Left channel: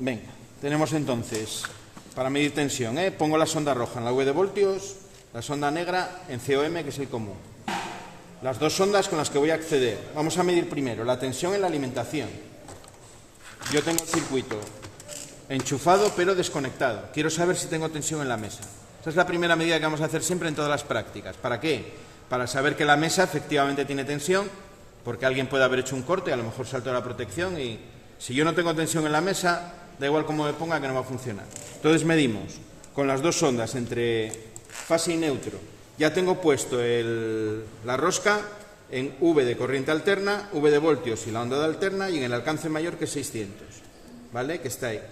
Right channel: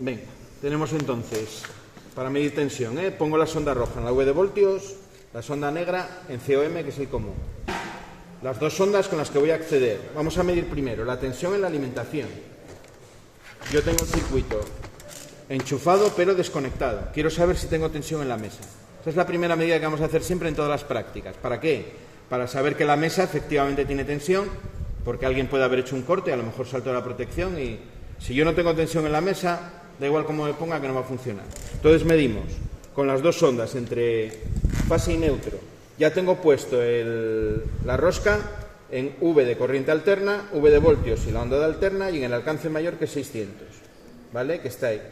Venga, tenemos entonces, para medir tensión, pongo la sonda roja en la V de voltios, la sonda negra en COM, que es el común. Las dos sondas con las que voy a acceder. Vamos a medir primero la tensión en la alimentación. Yo tengo el circuito enchufado pero desconectado. Quiero saber si tengo tensión en la mesa. Esa es la primera medida que vamos a hacer siempre en todas las prácticas. ¿Para qué? Para saber que la mesa efectivamente tiene tensión, porque alguien puede haber hecho un corte, a lo mejor saltó la protección y si yo no tengo tensión en la mesa, da igual cómo me ponga que no va a funcionar. Entonces medimos con las dos sondas entre fase y neutro. Ya tengo puesto la rosca en V de corriente alterna, V de voltios y la onda de alterna y en el alcance mayor que es 600, ¿vale? Que está ahí.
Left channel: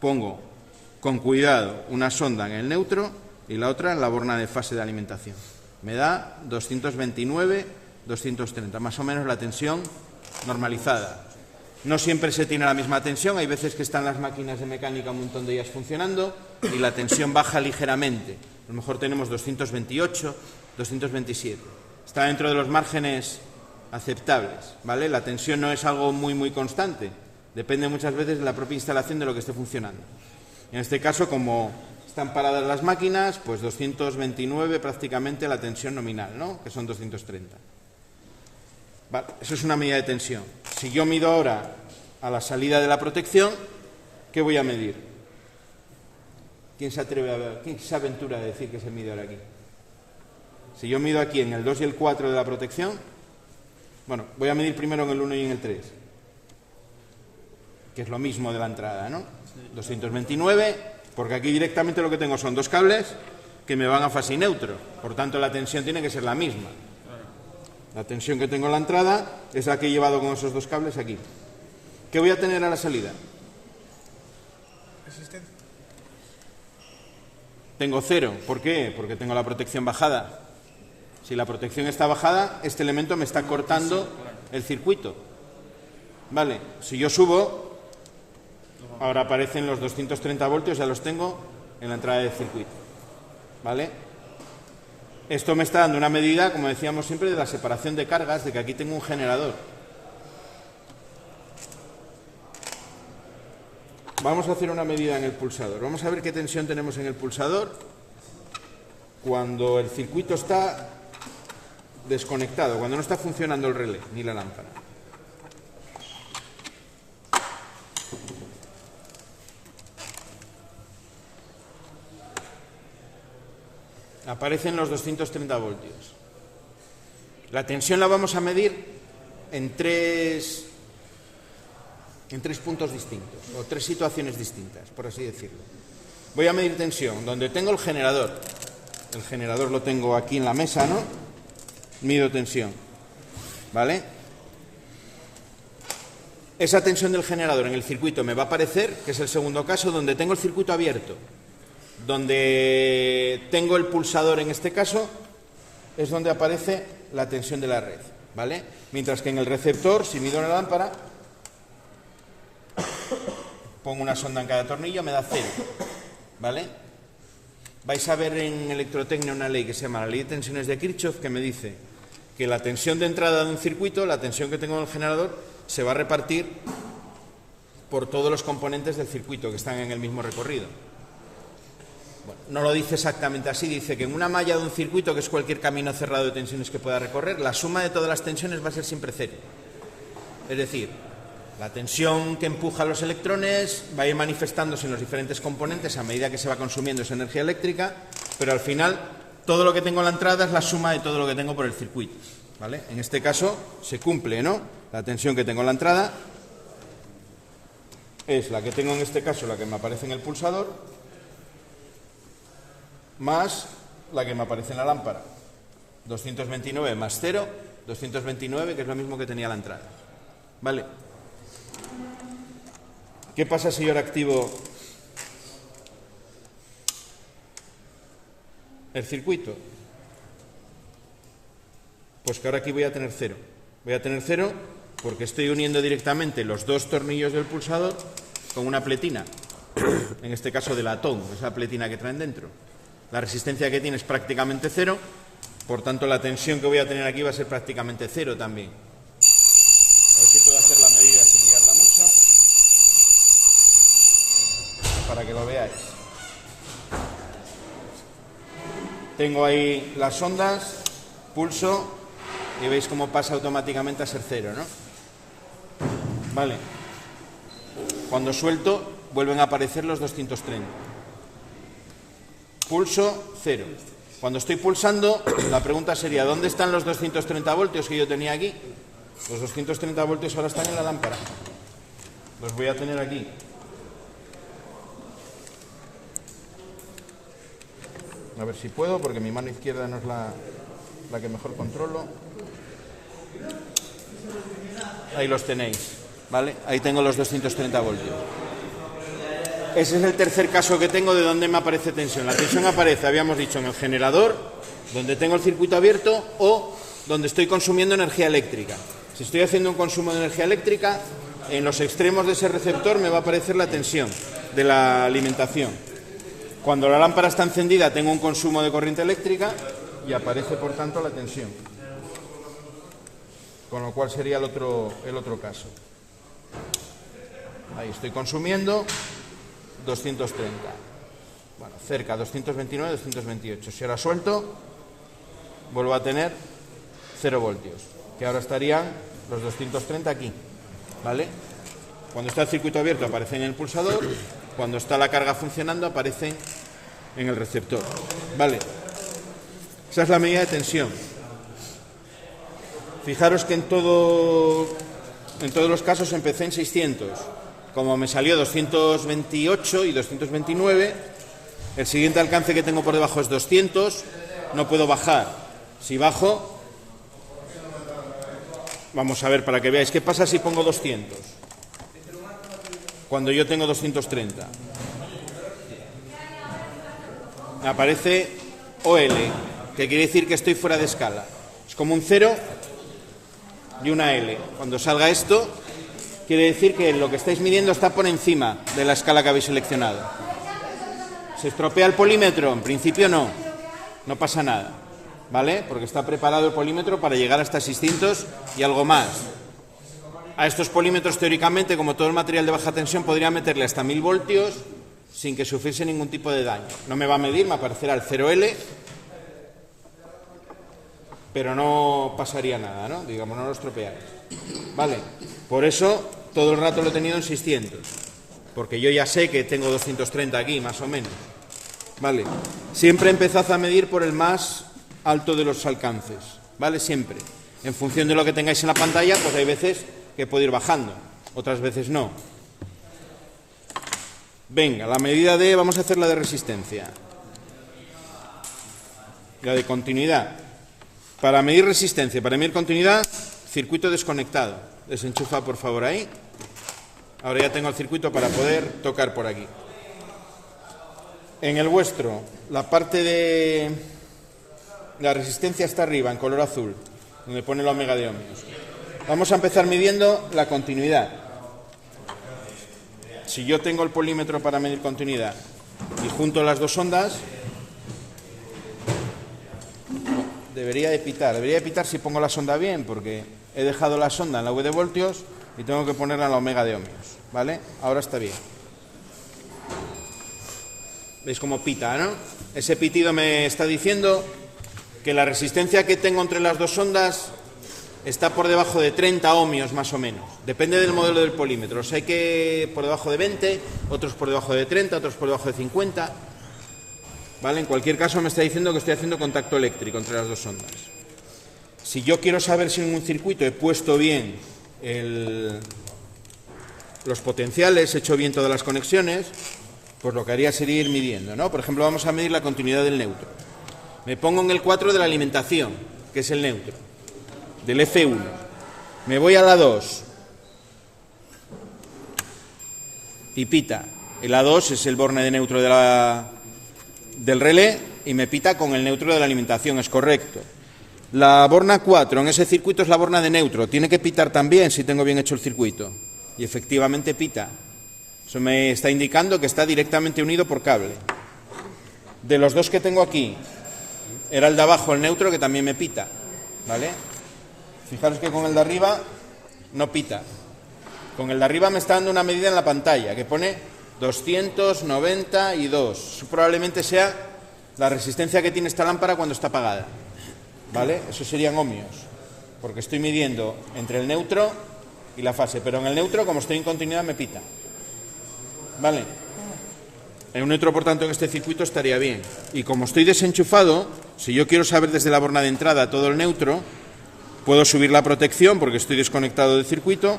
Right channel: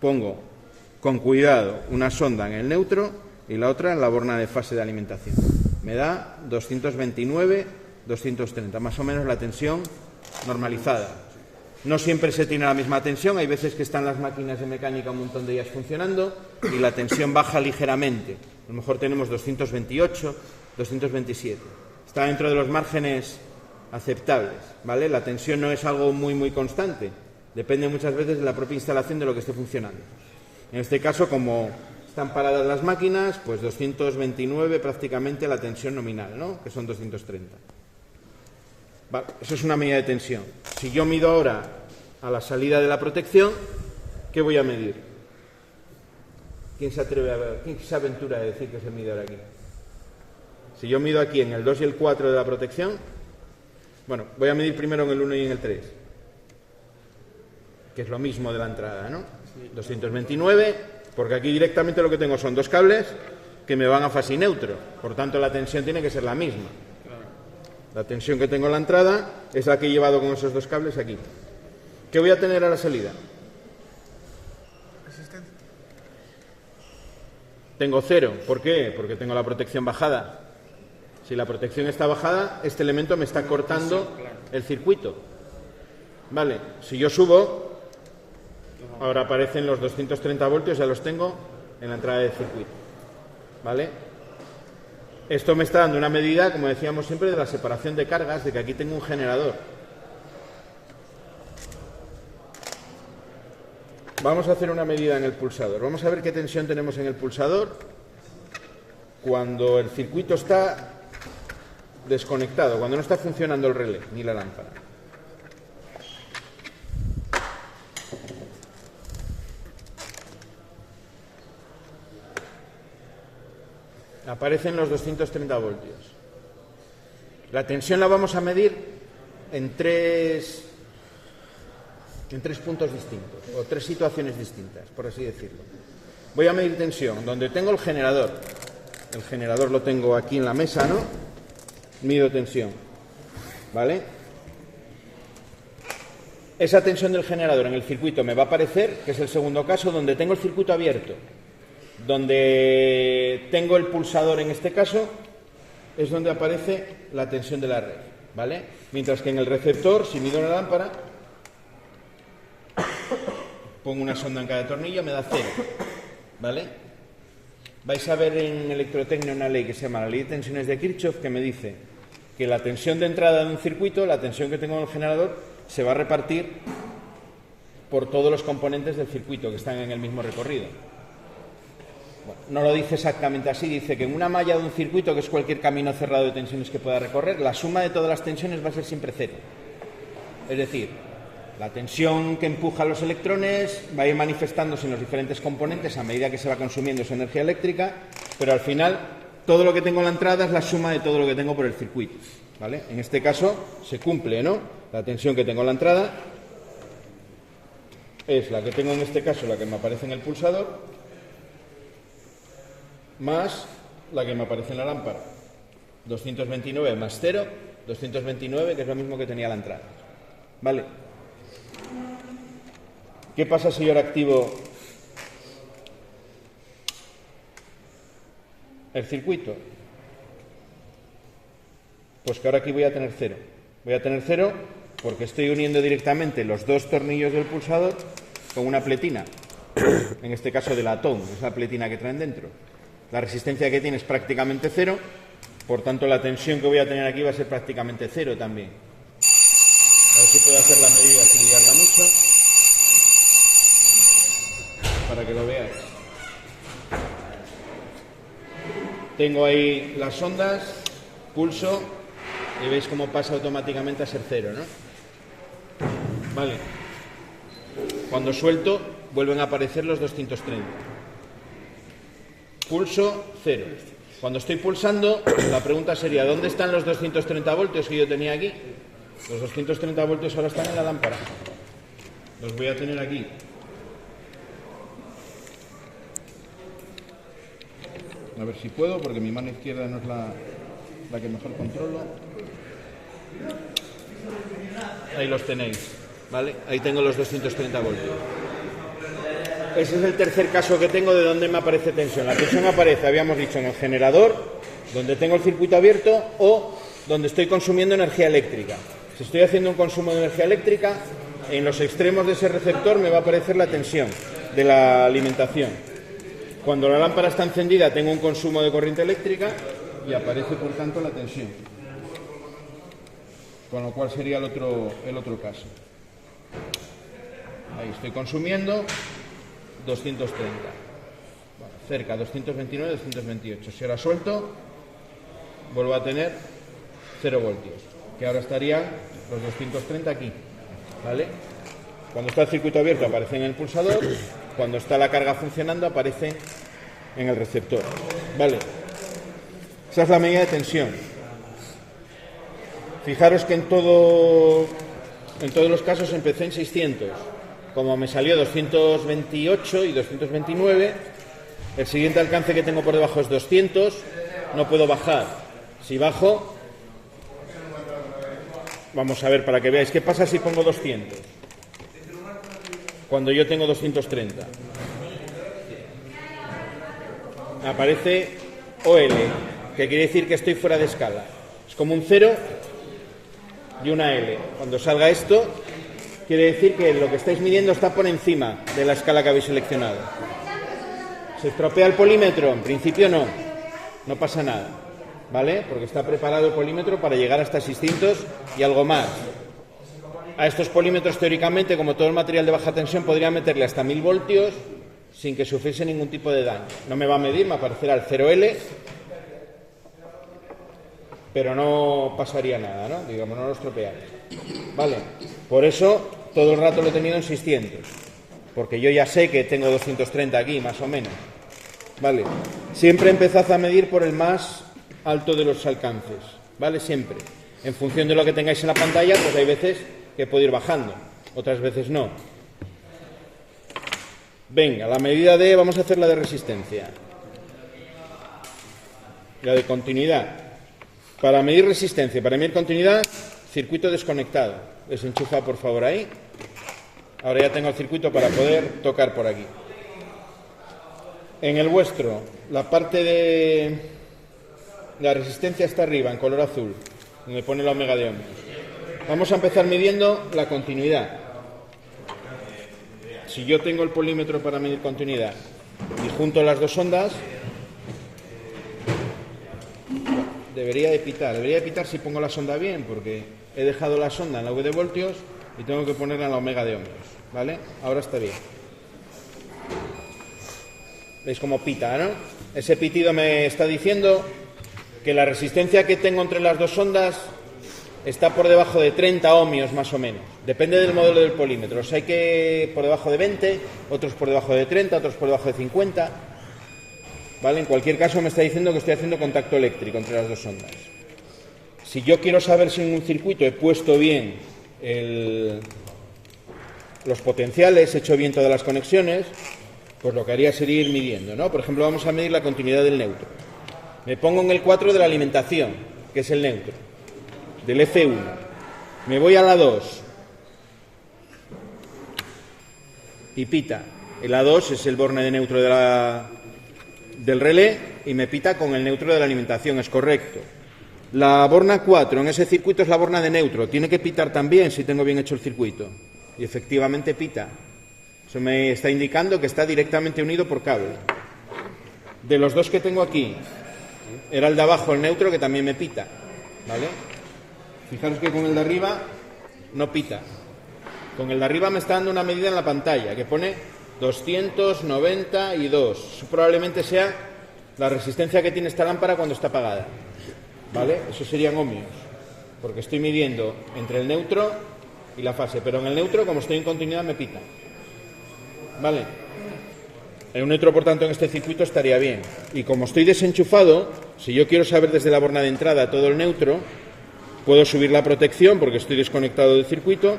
Pongo con cuidado una sonda en el neutro y la otra en la borna de fase de alimentación. Me da 229, 230, más o menos la tensión normalizada. No siempre se tiene la misma tensión, hay veces que están las máquinas de mecánica un montón de ellas funcionando y la tensión baja ligeramente. A lo mejor tenemos 228, 227. Está dentro de los márgenes aceptables, ¿vale? La tensión no es algo muy constante, depende muchas veces de la propia instalación de lo que esté funcionando. En este caso, como están paradas las máquinas, pues 229 prácticamente la tensión nominal, ¿no? Que son 230. Vale, eso es una medida de tensión. Si yo mido ahora a la salida de la protección, ¿qué voy a medir? ¿Quién se atreve a ver? ¿Quién se aventura a decir que se mide ahora aquí? Si yo mido aquí en el 2 y el 4 de la protección, bueno, voy a medir primero en el 1 y en el 3, que es lo mismo de la entrada, ¿no? 229, porque aquí directamente lo que tengo son dos cables que me van a fase y neutro, por tanto la tensión tiene que ser la misma. La tensión que tengo en la entrada es la que he llevado con esos dos cables aquí. ¿Qué voy a tener a la salida? Resistencia. Tengo 0. ¿Por qué? Porque tengo la protección bajada. Si la protección está bajada, este elemento me está cortando el circuito. Vale, si yo subo, ahora aparecen los 230 voltios, ya los tengo en la entrada del circuito. ¿Vale? Esto me está dando una medida, como decíamos siempre, de la separación de cargas, de que aquí tengo un generador. Vamos a hacer una medida en el pulsador. Vamos a ver qué tensión tenemos en el pulsador cuando el circuito está desconectado, cuando no está funcionando el relé ni la lámpara. Aparecen los 230 voltios. La tensión la vamos a medir en tres puntos distintos, o tres situaciones distintas, por así decirlo. Voy a medir tensión donde tengo el generador. El generador lo tengo aquí en la mesa, ¿no? Mido tensión, ¿vale? Esa tensión del generador en el circuito me va a aparecer, que es el segundo caso, donde tengo el circuito abierto. Donde tengo el pulsador en este caso es donde aparece la tensión de la red, ¿vale? Mientras que en el receptor, si mido una lámpara, pongo una sonda en cada tornillo, me da 0, ¿vale? Vais a ver en electrotecnia una ley que se llama la ley de tensiones de Kirchhoff, que me dice que la tensión de entrada de un circuito, la tensión que tengo en el generador, se va a repartir por todos los componentes del circuito que están en el mismo recorrido. No lo dice exactamente así, dice que en una malla de un circuito, que es cualquier camino cerrado de tensiones que pueda recorrer, la suma de todas las tensiones va a ser siempre 0. Es decir, la tensión que empuja los electrones va a ir manifestándose en los diferentes componentes a medida que se va consumiendo esa energía eléctrica, pero al final todo lo que tengo en la entrada es la suma de todo lo que tengo por el circuito, ¿vale? En este caso se cumple, ¿no? La tensión que tengo en la entrada es la que tengo en este caso, la que me aparece en el pulsador, más la que me aparece en la lámpara. 229 más 0, 229, que es lo mismo que tenía la entrada. ¿Vale? ¿Qué pasa si yo ahora activo el circuito? Pues que ahora aquí voy a tener 0. Voy a tener 0 porque estoy uniendo directamente los dos tornillos del pulsador con una pletina. En este caso de latón, esa pletina que traen dentro. La resistencia que tiene es prácticamente 0, por tanto la tensión que voy a tener aquí va a ser prácticamente 0 también. ver si puedo hacer la medida sin liarla mucho, para que lo veáis. Tengo ahí las ondas, pulso, y veis cómo pasa automáticamente a ser 0, ¿no? Vale. Cuando suelto, vuelven a aparecer los 230. Pulso, 0. Cuando estoy pulsando, la pregunta sería, ¿dónde están los 230 voltios que yo tenía aquí? Los 230 voltios ahora están en la lámpara. Los voy a tener aquí. A ver si puedo, porque mi mano izquierda no es la que mejor controlo. Ahí los tenéis, ¿vale? Ahí tengo los 230 voltios. Ese es el tercer caso que tengo de donde me aparece tensión. La tensión aparece, habíamos dicho, en el generador, donde tengo el circuito abierto, o donde estoy consumiendo energía eléctrica. Si estoy haciendo un consumo de energía eléctrica, en los extremos de ese receptor me va a aparecer la tensión de la alimentación. Cuando la lámpara está encendida tengo un consumo de corriente eléctrica y aparece por tanto la tensión. Con lo cual sería el otro caso. Ahí estoy consumiendo 230. Bueno, cerca, 229, 228. Si ahora suelto, vuelvo a tener 0 voltios, que ahora estarían los 230 aquí, ¿vale? Cuando está el circuito abierto aparece en el pulsador, cuando está la carga funcionando aparece en el receptor, ¿vale? Esa es la medida de tensión. Fijaros que en todos los casos empecé en 600. Como me salió 228 y 229, el siguiente alcance que tengo por debajo es 200, no puedo bajar. Si bajo, vamos a ver para que veáis qué pasa si pongo 200, cuando yo tengo 230. Me aparece OL, que quiere decir que estoy fuera de escala. Es como un 0 y una L. Cuando salga esto, quiere decir que lo que estáis midiendo está por encima de la escala que habéis seleccionado. ¿Se estropea el polímetro? En principio no pasa nada, ¿vale? Porque está preparado el polímetro para llegar hasta 600 y algo más. A estos polímetros, teóricamente, como todo el material de baja tensión, podría meterle hasta 1000 voltios sin que sufriese ningún tipo de daño. No me va a medir, me aparecerá el 0L, pero no pasaría nada, ¿no? Digamos, no lo estropeáis. Vale, por eso todo el rato lo he tenido en 600, porque yo ya sé que tengo 230 aquí, más o menos. Vale, siempre empezad a medir por el más alto de los alcances, ¿vale? Siempre. En función de lo que tengáis en la pantalla, pues hay veces que puede ir bajando, otras veces no. Venga, la medida de... vamos a hacer la de resistencia. La de continuidad. Para medir resistencia, para medir continuidad, circuito desconectado. Desenchufa, por favor, ahí. Ahora ya tengo el circuito para poder tocar por aquí. En el vuestro, la parte de la resistencia está arriba, en color azul, donde pone la omega de ohmios. Vamos a empezar midiendo la continuidad. Si yo tengo el polímetro para medir continuidad y junto las dos ondas, debería de pitar si pongo la sonda bien, porque he dejado la sonda en la V de voltios y tengo que ponerla en la omega de ohmios, ¿vale? Ahora está bien. ¿Veis cómo pita, no? Ese pitido me está diciendo que la resistencia que tengo entre las dos ondas está por debajo de 30 ohmios más o menos. Depende del modelo del polímetro. O sea, hay que por debajo de 20, otros por debajo de 30, otros por debajo de 50. ¿Vale? En cualquier caso me está diciendo que estoy haciendo contacto eléctrico entre las dos ondas. Si yo quiero saber si en un circuito he puesto bien los potenciales, he hecho bien todas las conexiones, pues lo que haría sería ir midiendo, ¿no? Por ejemplo, vamos a medir la continuidad del neutro. Me pongo en el 4 de la alimentación, que es el neutro, del F1. Me voy a la 2. Y pita. El A2 es el borne de neutro del relé y me pita con el neutro de la alimentación, es correcto. La borna 4 en ese circuito es la borna de neutro. Tiene que pitar también si tengo bien hecho el circuito. Y efectivamente pita. Eso me está indicando que está directamente unido por cable. De los dos que tengo aquí, era el de abajo, el neutro, que también me pita, ¿vale? Fijaros que con el de arriba no pita. Con el de arriba me está dando una medida en la pantalla que pone 292. Eso probablemente sea la resistencia que tiene esta lámpara cuando está apagada, ¿vale? Eso serían ohmios, porque estoy midiendo entre el neutro y la fase, pero en el neutro, como estoy en continuidad, me pita, ¿vale? En un neutro, por tanto, en este circuito estaría bien. Y como estoy desenchufado, si yo quiero saber desde la borna de entrada todo el neutro, puedo subir la protección porque estoy desconectado del circuito.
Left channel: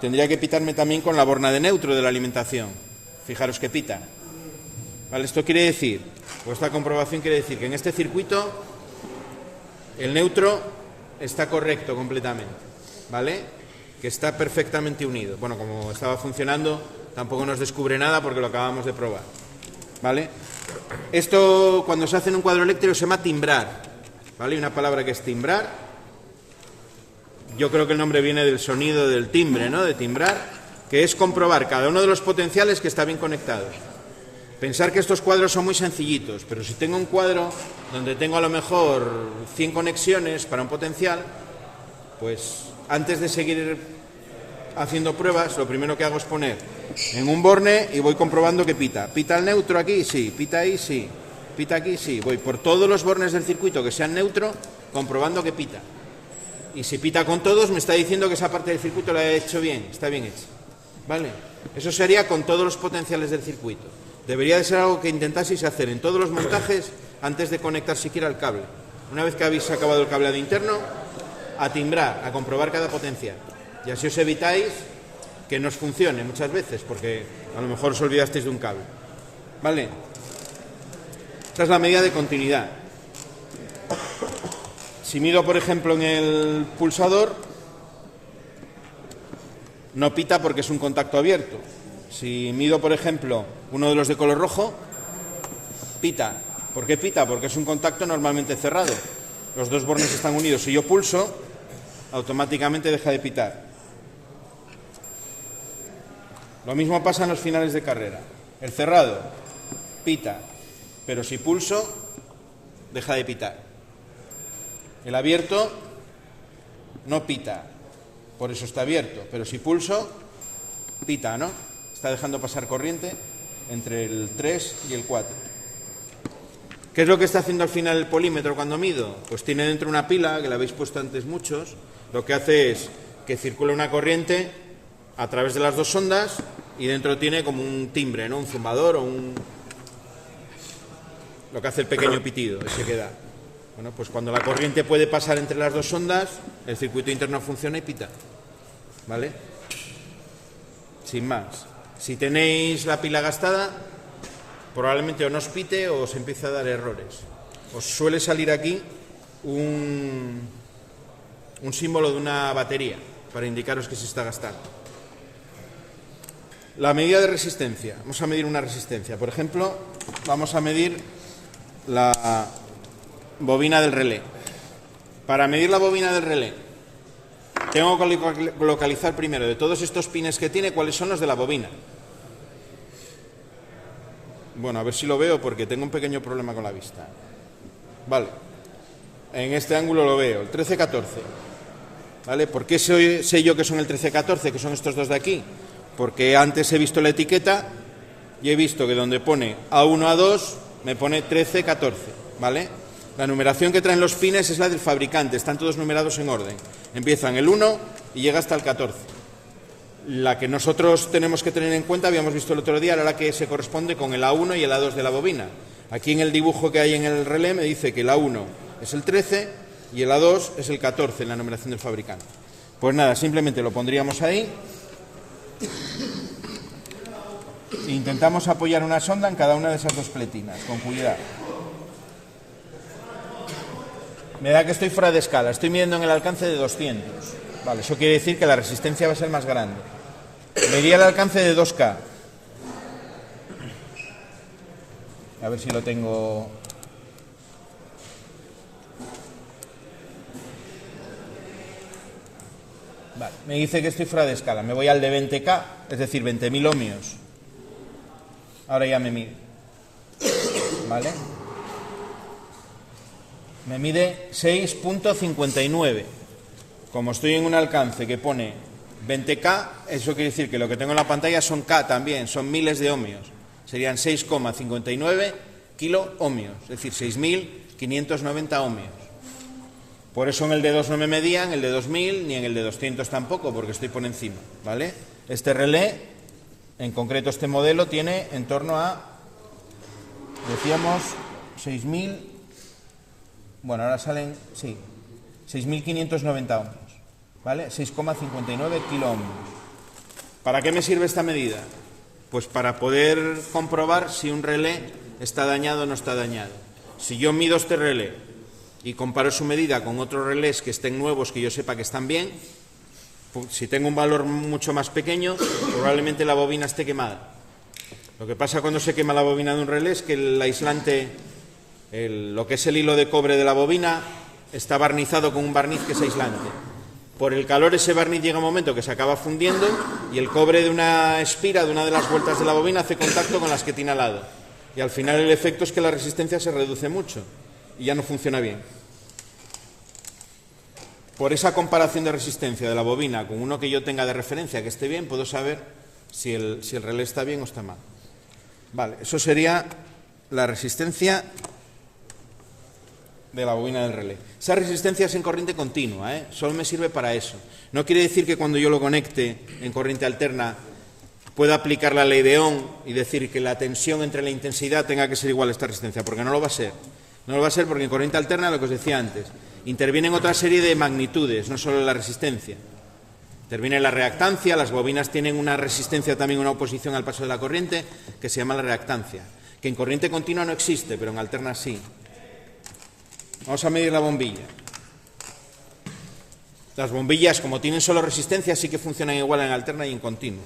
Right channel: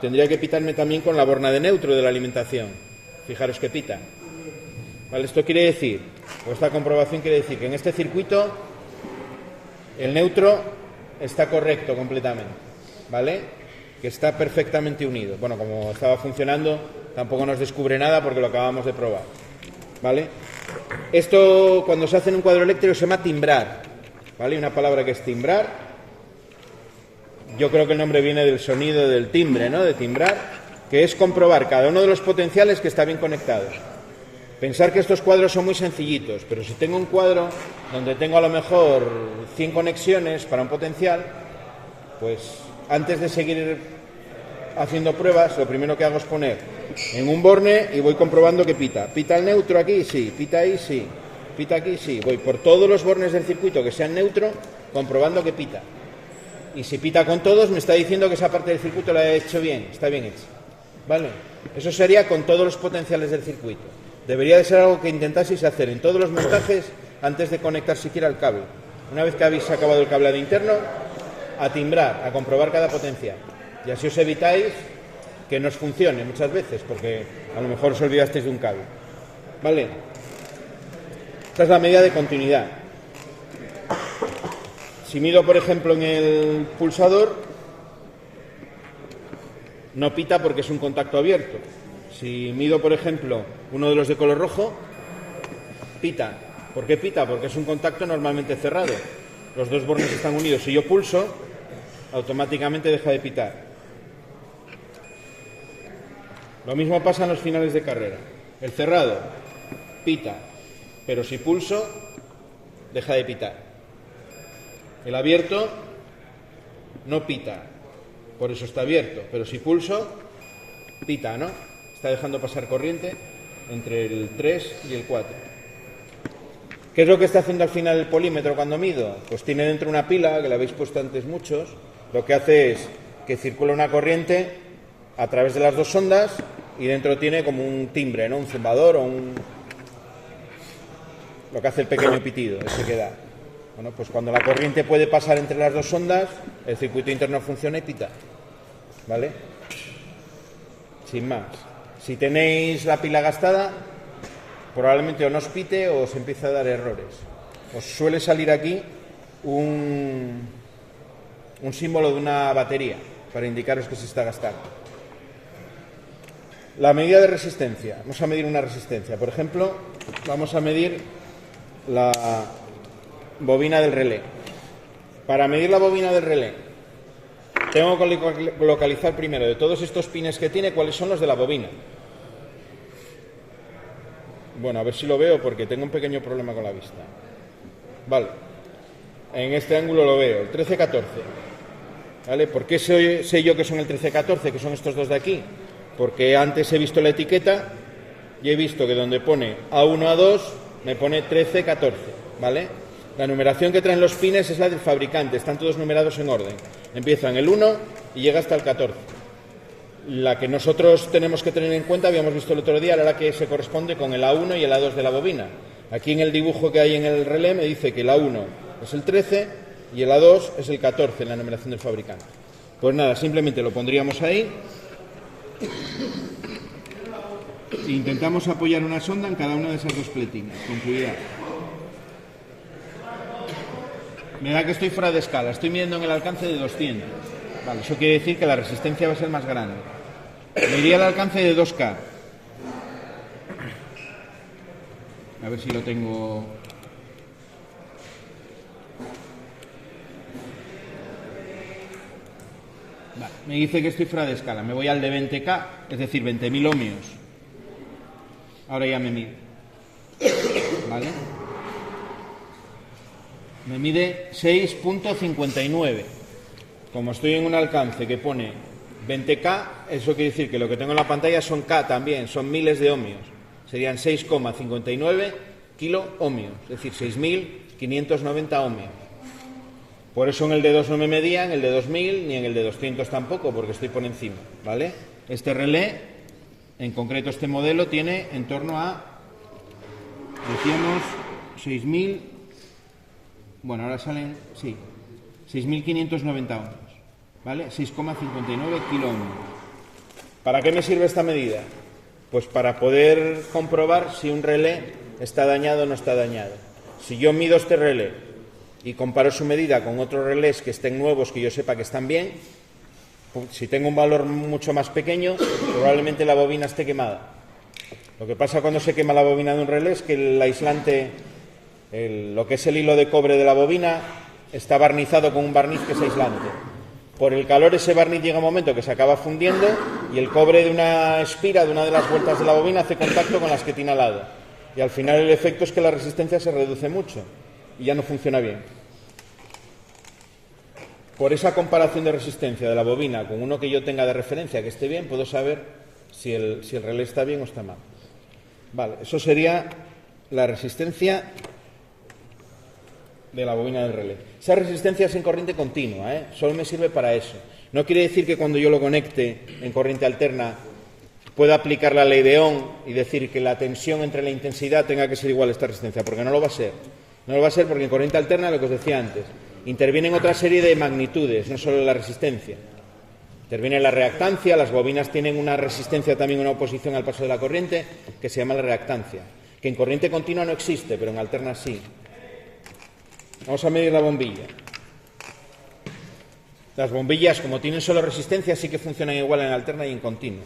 Tendría que pitarme también con la borna de neutro de la alimentación. Fijaros que pita. ¿Vale? Esto quiere decir, o esta comprobación quiere decir que en este circuito el neutro está correcto completamente, ¿vale? Que está perfectamente unido. Bueno, como estaba funcionando, tampoco nos descubre nada porque lo acabamos de probar, ¿vale? Esto, cuando se hace en un cuadro eléctrico, se llama timbrar, ¿vale? Hay una palabra que es timbrar. Yo creo que el nombre viene del sonido del timbre, ¿no? De timbrar, que es comprobar cada uno de los potenciales que está bien conectado. Pensar que estos cuadros son muy sencillitos, pero si tengo un cuadro donde tengo a lo mejor 100 conexiones para un potencial, pues antes de seguir haciendo pruebas, lo primero que hago es poner en un borne y voy comprobando que pita. ¿Pita el neutro aquí? Sí. ¿Pita ahí? Sí. ¿Pita aquí? Sí. Voy por todos los bornes del circuito que sean neutro, comprobando que pita. Y si pita con todos, me está diciendo que esa parte del circuito la he hecho bien, está bien hecha, ¿vale? Eso sería con todos los potenciales del circuito. Debería de ser algo que intentaseis hacer en todos los montajes antes de conectar siquiera el cable. Una vez que habéis acabado el cableado interno, a timbrar, a comprobar cada potencial. Y así os evitáis que no os funcione muchas veces, porque a lo mejor os olvidasteis de un cable, ¿vale? Esta es la medida de continuidad. Si mido, por ejemplo, en el pulsador, no pita porque es un contacto abierto. Si mido, por ejemplo, uno de los de color rojo, pita. ¿Por qué pita? Porque es un contacto normalmente cerrado. Los dos bornes están unidos. Si yo pulso, automáticamente deja de pitar. Lo mismo pasa en los finales de carrera. El cerrado pita, pero si pulso, deja de pitar. El abierto no pita, por eso está abierto, pero si pulso, pita, ¿no? Está dejando pasar corriente entre el 3 y el 4. ¿Qué es lo que está haciendo al final el polímetro cuando mido? Pues tiene dentro una pila, que la habéis puesto antes muchos. Lo que hace es que circula una corriente a través de las dos ondas y dentro tiene como un timbre, ¿no? Un zumbador o un... lo que hace el pequeño pitido, ese que da. Bueno, pues cuando la corriente puede pasar entre las dos ondas, el circuito interno funciona y pita, ¿vale? Sin más. Si tenéis la pila gastada, probablemente o no os pite o os empieza a dar errores. Os suele salir aquí un símbolo de una batería para indicaros que se está gastando. La medida de resistencia. Vamos a medir una resistencia. Por ejemplo, vamos a medir la bobina del relé. Para medir la bobina del relé, tengo que localizar primero de todos estos pines que tiene cuáles son los de la bobina. Bueno, a ver si lo veo porque tengo un pequeño problema con la vista. Vale. En este ángulo lo veo, el 13-14. ¿Vale? ¿Por qué sé yo que son el 13-14, que son estos dos de aquí? Porque antes he visto la etiqueta y he visto que donde pone A1, A2 me pone 13-14, ¿vale? La numeración que traen los pines es la del fabricante, están todos numerados en orden. Empieza en el 1 y llega hasta el 14. La que nosotros tenemos que tener en cuenta, habíamos visto el otro día, era la que se corresponde con el A1 y el A2 de la bobina. Aquí en el dibujo que hay en el relé me dice que el A1 es el 13 y el A2 es el 14 en la numeración del fabricante. Pues nada, simplemente lo pondríamos ahí. Intentamos apoyar una sonda en cada una de esas dos pletinas, con cuidado. Me da que estoy fuera de escala, estoy midiendo en el alcance de 200. Vale, eso quiere decir que la resistencia va a ser más grande. Medía el alcance de 2K. A ver si lo tengo. Vale, me dice que estoy fuera de escala. Me voy al de 20K, es decir, 20.000 ohmios. Ahora ya me mide. ¿Vale? Me mide 6.59. Como estoy en un alcance que pone 20K, eso quiere decir que lo que tengo en la pantalla son K también, son miles de ohmios. Serían 6,59 kiloohmios, es decir, 6.590 ohmios. Por eso en el de 2 no me medía, en el de 2000 ni en el de 200 tampoco, porque estoy por encima, ¿vale? Este relé, en concreto este modelo, tiene en torno a, decíamos, 6.000, bueno, ahora salen, sí, 6.590 ohmios, ¿vale? 6,59 kiloohmios. ¿Para qué me sirve esta medida? Pues para poder comprobar si un relé está dañado o no está dañado. Si yo mido este relé y comparo su medida con otros relés que estén nuevos, que yo sepa que están bien, pues si tengo un valor mucho más pequeño, probablemente la bobina esté quemada. Lo que pasa cuando se quema la bobina de un relé es que el aislante, lo que es el hilo de cobre de la bobina, está barnizado con un barniz que es aislante. Por el calor ese barniz llega un momento que se acaba fundiendo y el cobre de una espira, de una de las vueltas de la bobina, hace contacto con las que tiene al lado. Y al final el efecto es que la resistencia se reduce mucho y ya no funciona bien. Por esa comparación de resistencia de la bobina con uno que yo tenga de referencia que esté bien, puedo saber si el relé está bien o está mal. Vale, eso sería la resistencia de la bobina del relé. Esa resistencia es en corriente continua, solo me sirve para eso. No quiere decir que cuando yo lo conecte en corriente alterna pueda aplicar la ley de Ohm y decir que la tensión entre la intensidad tenga que ser igual a esta resistencia, porque no lo va a ser. No lo va a ser porque en corriente alterna, lo que os decía antes, intervienen otra serie de magnitudes, no solo la resistencia. Interviene la reactancia, las bobinas tienen una resistencia también, una oposición al paso de la corriente, que se llama la reactancia, que en corriente continua no existe, pero en alterna sí. Vamos a medir la bombilla. Las bombillas, como tienen solo resistencia, sí que funcionan igual en alterna y en continua.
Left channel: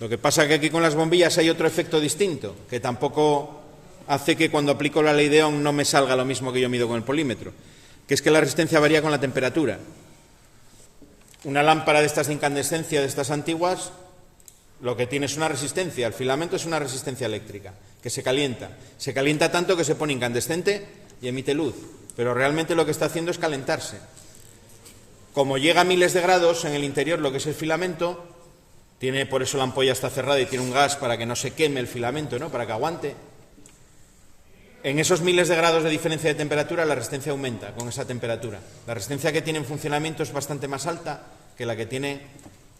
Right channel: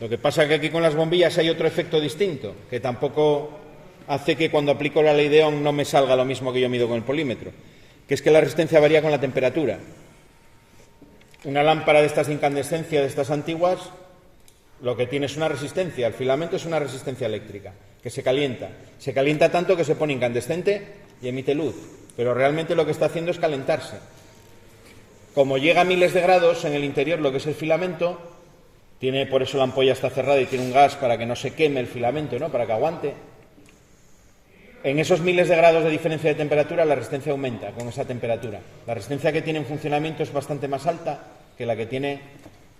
Lo que pasa es que aquí con las bombillas hay otro efecto distinto, que tampoco hace que cuando aplico la ley de Ohm no me salga lo mismo que yo mido con el polímetro, que es que la resistencia varía con la temperatura. Una lámpara de estas de incandescencia, de estas antiguas, lo que tiene es una resistencia, el filamento es una resistencia eléctrica, que se calienta. Se calienta tanto que se pone incandescente y emite luz, pero realmente lo que está haciendo es calentarse. Como llega a miles de grados en el interior, lo que es el filamento, por eso la ampolla está cerrada y tiene un gas para que no se queme el filamento, ¿no? Para que aguante. En esos miles de grados de diferencia de temperatura, la resistencia aumenta con esa temperatura. La resistencia que tiene en funcionamiento es bastante más alta que la que tiene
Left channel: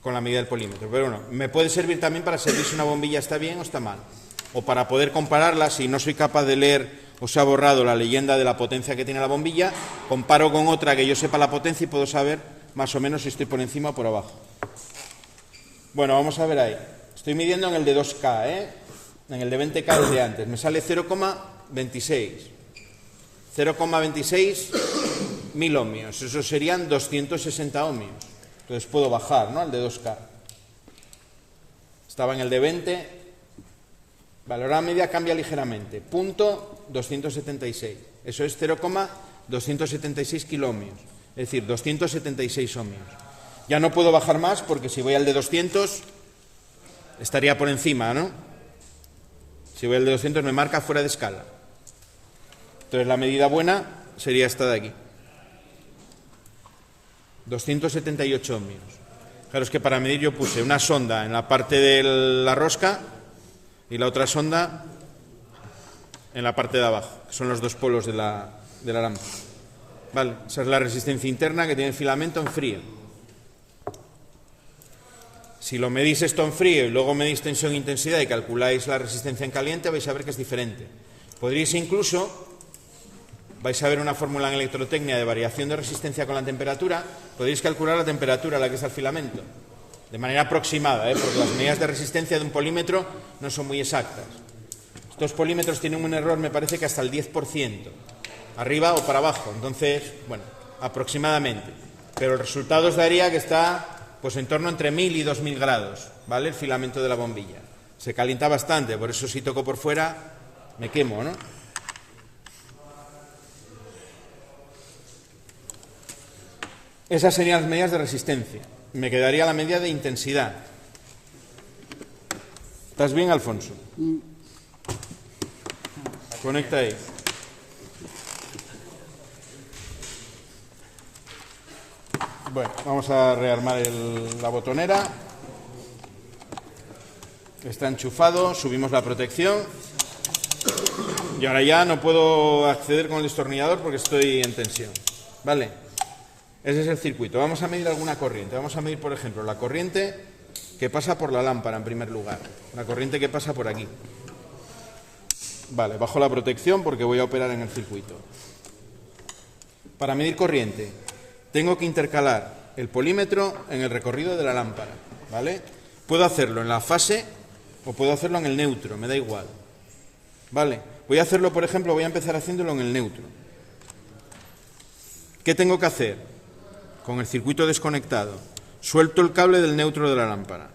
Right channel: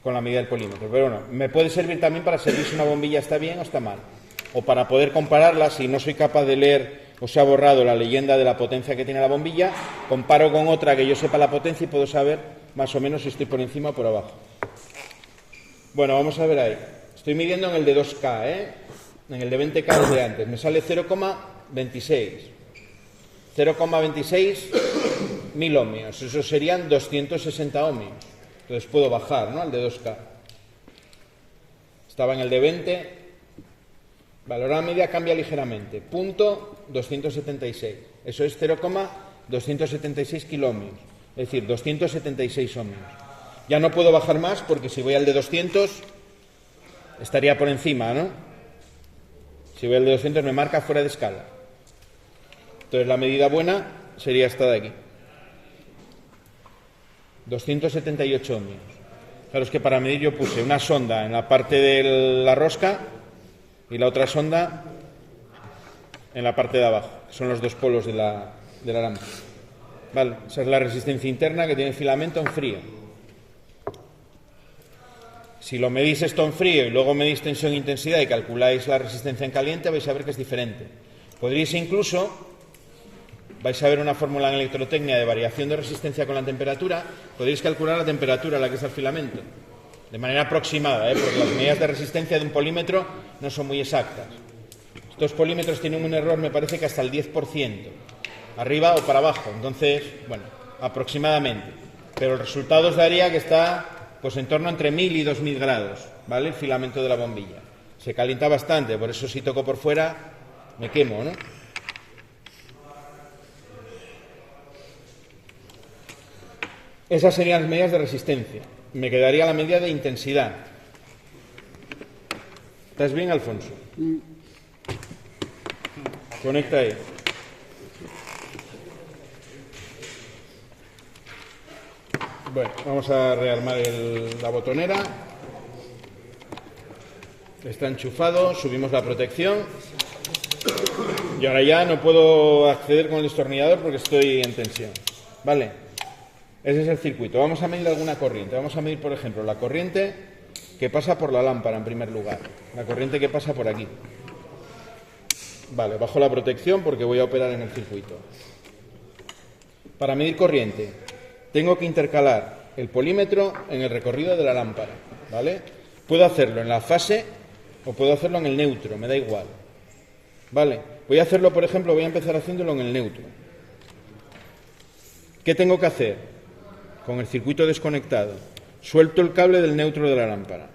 con la medida del polímetro. Pero bueno, me puede servir también para saber si una bombilla está bien o está mal. O para poder compararla, si no soy capaz de leer o se ha borrado la leyenda de la potencia que tiene la bombilla, comparo con otra que yo sepa la potencia y puedo saber más o menos si estoy por encima o por abajo. Bueno, vamos a ver ahí. Estoy midiendo en el de 2K, en el de 20K de antes. Me sale 0,26 mil ohmios, eso serían 260 ohmios. Entonces puedo bajar, ¿no? Al de 2K. Estaba en el de 20. Vale, ahora la media cambia ligeramente. Punto 276. Eso es 0,276 kiloohmios. Es decir, 276 ohmios. Ya no puedo bajar más porque si voy al de 200 estaría por encima, ¿no? Si voy al de 200 me marca fuera de escala. Entonces la medida buena sería esta de aquí. 278 ohmios. Claro, es que para medir yo puse una sonda en la parte de la rosca y la otra sonda en la parte de abajo. Son los dos polos de la lámpara. Vale, esa es la resistencia interna que tiene el filamento en frío. Si lo medís esto en frío y luego medís tensión e intensidad y calculáis la resistencia en caliente, vais a ver que es diferente. Podríais incluso, vais a ver una fórmula en electrotecnia de variación de resistencia con la temperatura, podréis calcular la temperatura a la que está el filamento, de manera aproximada, porque las medidas de resistencia de un polímetro no son muy exactas. Estos polímetros tienen un error, me parece que hasta el 10%, arriba o para abajo, entonces, bueno, aproximadamente. Pero el resultado os daría que está pues en torno entre 1000 y 2000 grados, ¿vale? El filamento de la bombilla. Se calienta bastante, por eso si toco por fuera me quemo, ¿no? Esas serían las medidas de resistencia. Me quedaría la medida de intensidad. ¿Estás bien, Alfonso? Conecta ahí. Bueno, vamos a rearmar la botonera. Está enchufado, subimos la protección. Y ahora ya no puedo acceder con el destornillador porque estoy en tensión. ¿Vale? Ese es el circuito. Vamos a medir alguna corriente. Vamos a medir, por ejemplo, la corriente que pasa por la lámpara en primer lugar. La corriente que pasa por aquí. Vale, bajo la protección porque voy a operar en el circuito. Para medir corriente, tengo que intercalar el polímetro en el recorrido de la lámpara. ¿Vale? Puedo hacerlo en la fase o puedo hacerlo en el neutro, me da igual. ¿Vale? Voy a hacerlo, por ejemplo, voy a empezar haciéndolo en el neutro. ¿Qué tengo que hacer? Con el circuito desconectado. Suelto el cable del neutro de la lámpara.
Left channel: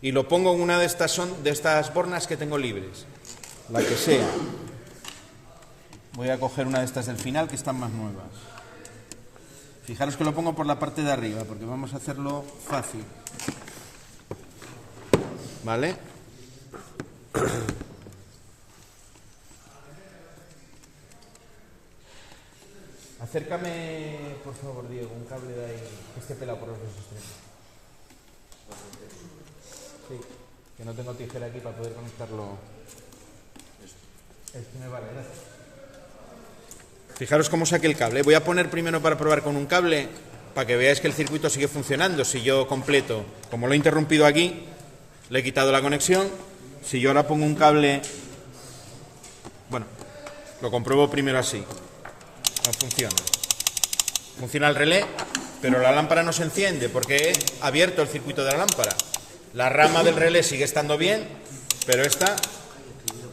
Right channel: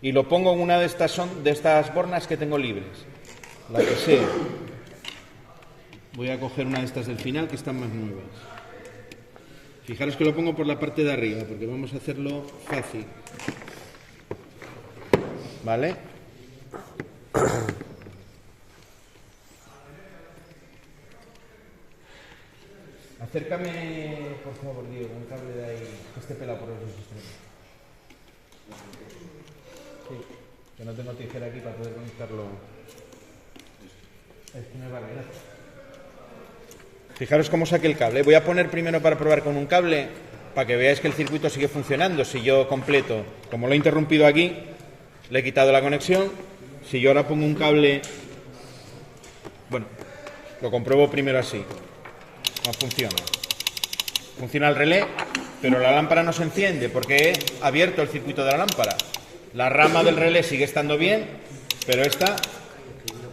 Y lo pongo en una de estas bornas que tengo libres. La que sea. Voy a coger una de estas del final que están más nuevas. Fijaros que lo pongo por la parte de arriba porque vamos a hacerlo fácil. ¿Vale? Acércame, por favor, Diego, un cable de ahí, este pelado por los dos extremos. Sí, que no tengo tijera aquí para poder conectarlo. Es que me vale. Fijaros cómo saqué el cable. Voy a poner primero para probar con un cable, para que veáis que el circuito sigue funcionando. Si yo completo, como lo he interrumpido aquí, le he quitado la conexión. Si yo ahora pongo un cable, bueno, lo compruebo primero así. No funciona. Funciona el relé, pero la lámpara no se enciende porque he abierto el circuito de la lámpara. La rama del relé sigue estando bien, pero esta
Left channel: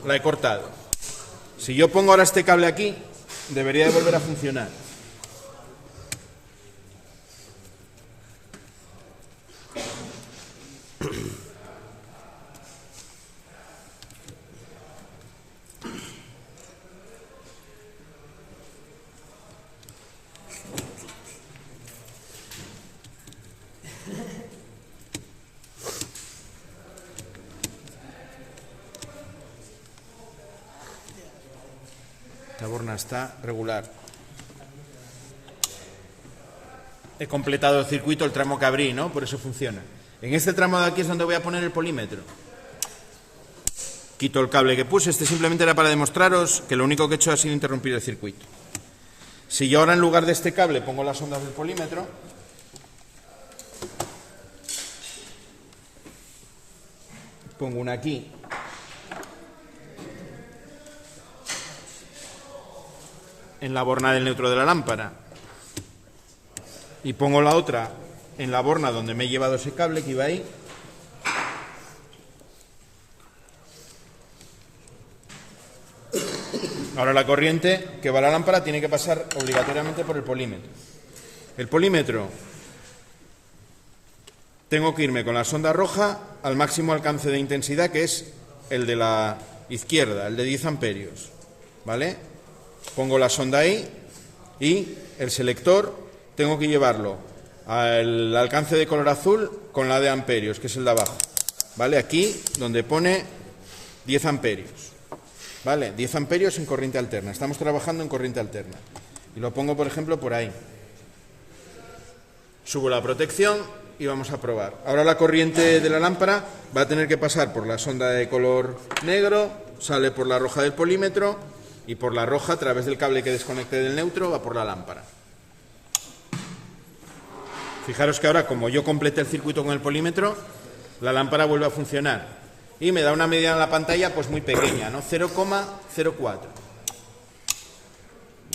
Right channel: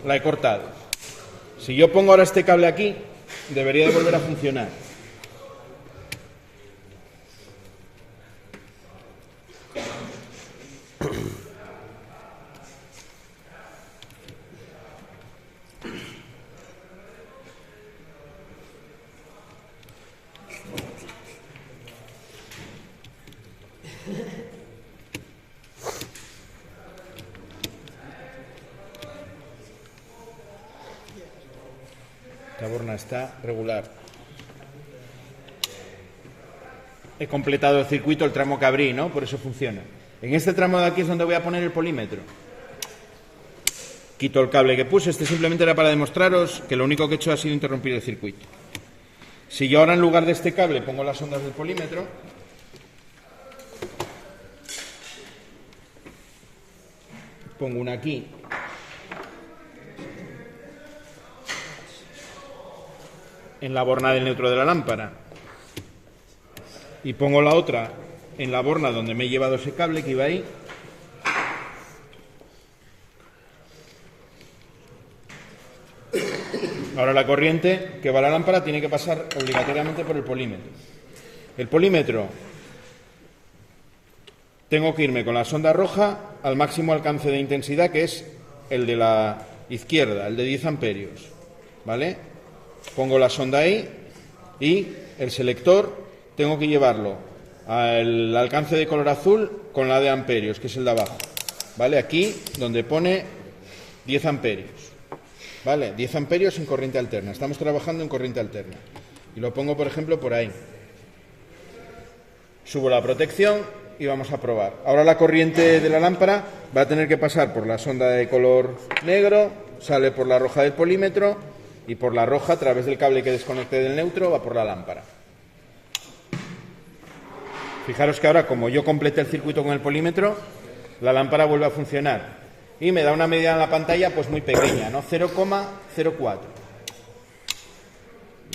la he cortado. Si yo pongo ahora este cable aquí, debería de volver a funcionar. La borna está regular. He completado el circuito, el tramo que abrí, ¿no? Por eso funciona. En este tramo de aquí es donde voy a poner el polímetro. Quito el cable que puse. Este simplemente era para demostraros que lo único que he hecho ha sido interrumpir el circuito. Si yo ahora en lugar de este cable pongo las ondas del polímetro, pongo una aquí en la borna del neutro de la lámpara y pongo la otra en la borna donde me he llevado ese cable que iba ahí, ahora la corriente que va a la lámpara tiene que pasar obligatoriamente por el polímetro. El polímetro, tengo que irme con la sonda roja al máximo alcance de intensidad, que es el de la izquierda, el de 10 amperios. ¿Vale? Pongo la sonda ahí y el selector tengo que llevarlo al alcance de color azul con la de amperios, que es el de abajo. ¿Vale? Aquí donde pone 10 amperios. ¿Vale? 10 amperios en corriente alterna. Estamos trabajando en corriente alterna. Y lo pongo, por ejemplo, por ahí. Subo la protección y vamos a probar. Ahora la corriente de la lámpara va a tener que pasar por la sonda de color negro, sale por la roja del polímetro y por la roja, a través del cable que desconecte del neutro, va por la lámpara. Fijaros que ahora, como yo completé el circuito con el polímetro, la lámpara vuelve a funcionar. Y me da una medida en la pantalla pues muy pequeña, ¿no? 0,04.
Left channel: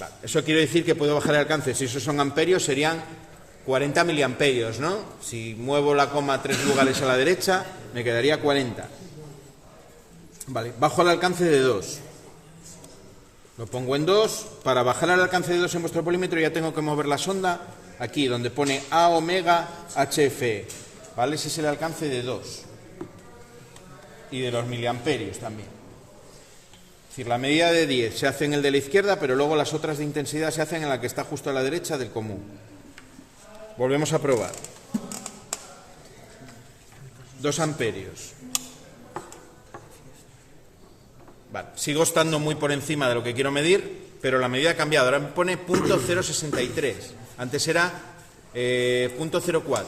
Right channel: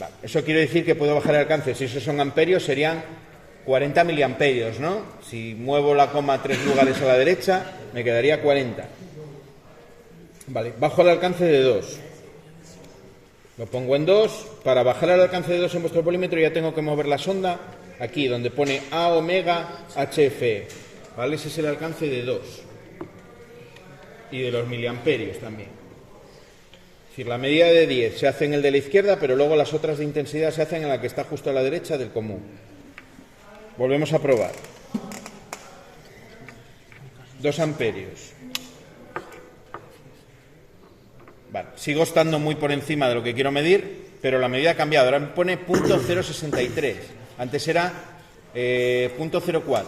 Vale. Eso quiere decir que puedo bajar el alcance. Si esos son amperios, serían 40 miliamperios, ¿no? Si muevo la coma 3 lugares a la derecha, me quedaría 40. Vale, bajo el alcance de 2. Lo pongo en 2. Para bajar el alcance de 2 en vuestro polímetro ya tengo que mover la sonda aquí, donde pone A omega HFE. ¿Vale? Ese es el alcance de 2. Y de los miliamperios también. Es decir, la medida de 10 se hace en el de la izquierda, pero luego las otras de intensidad se hacen en la que está justo a la derecha del común. Volvemos a probar. 2 amperios. Vale, sigo estando muy por encima de lo que quiero medir, pero la medida ha cambiado. Ahora me pone .063. Antes era .04.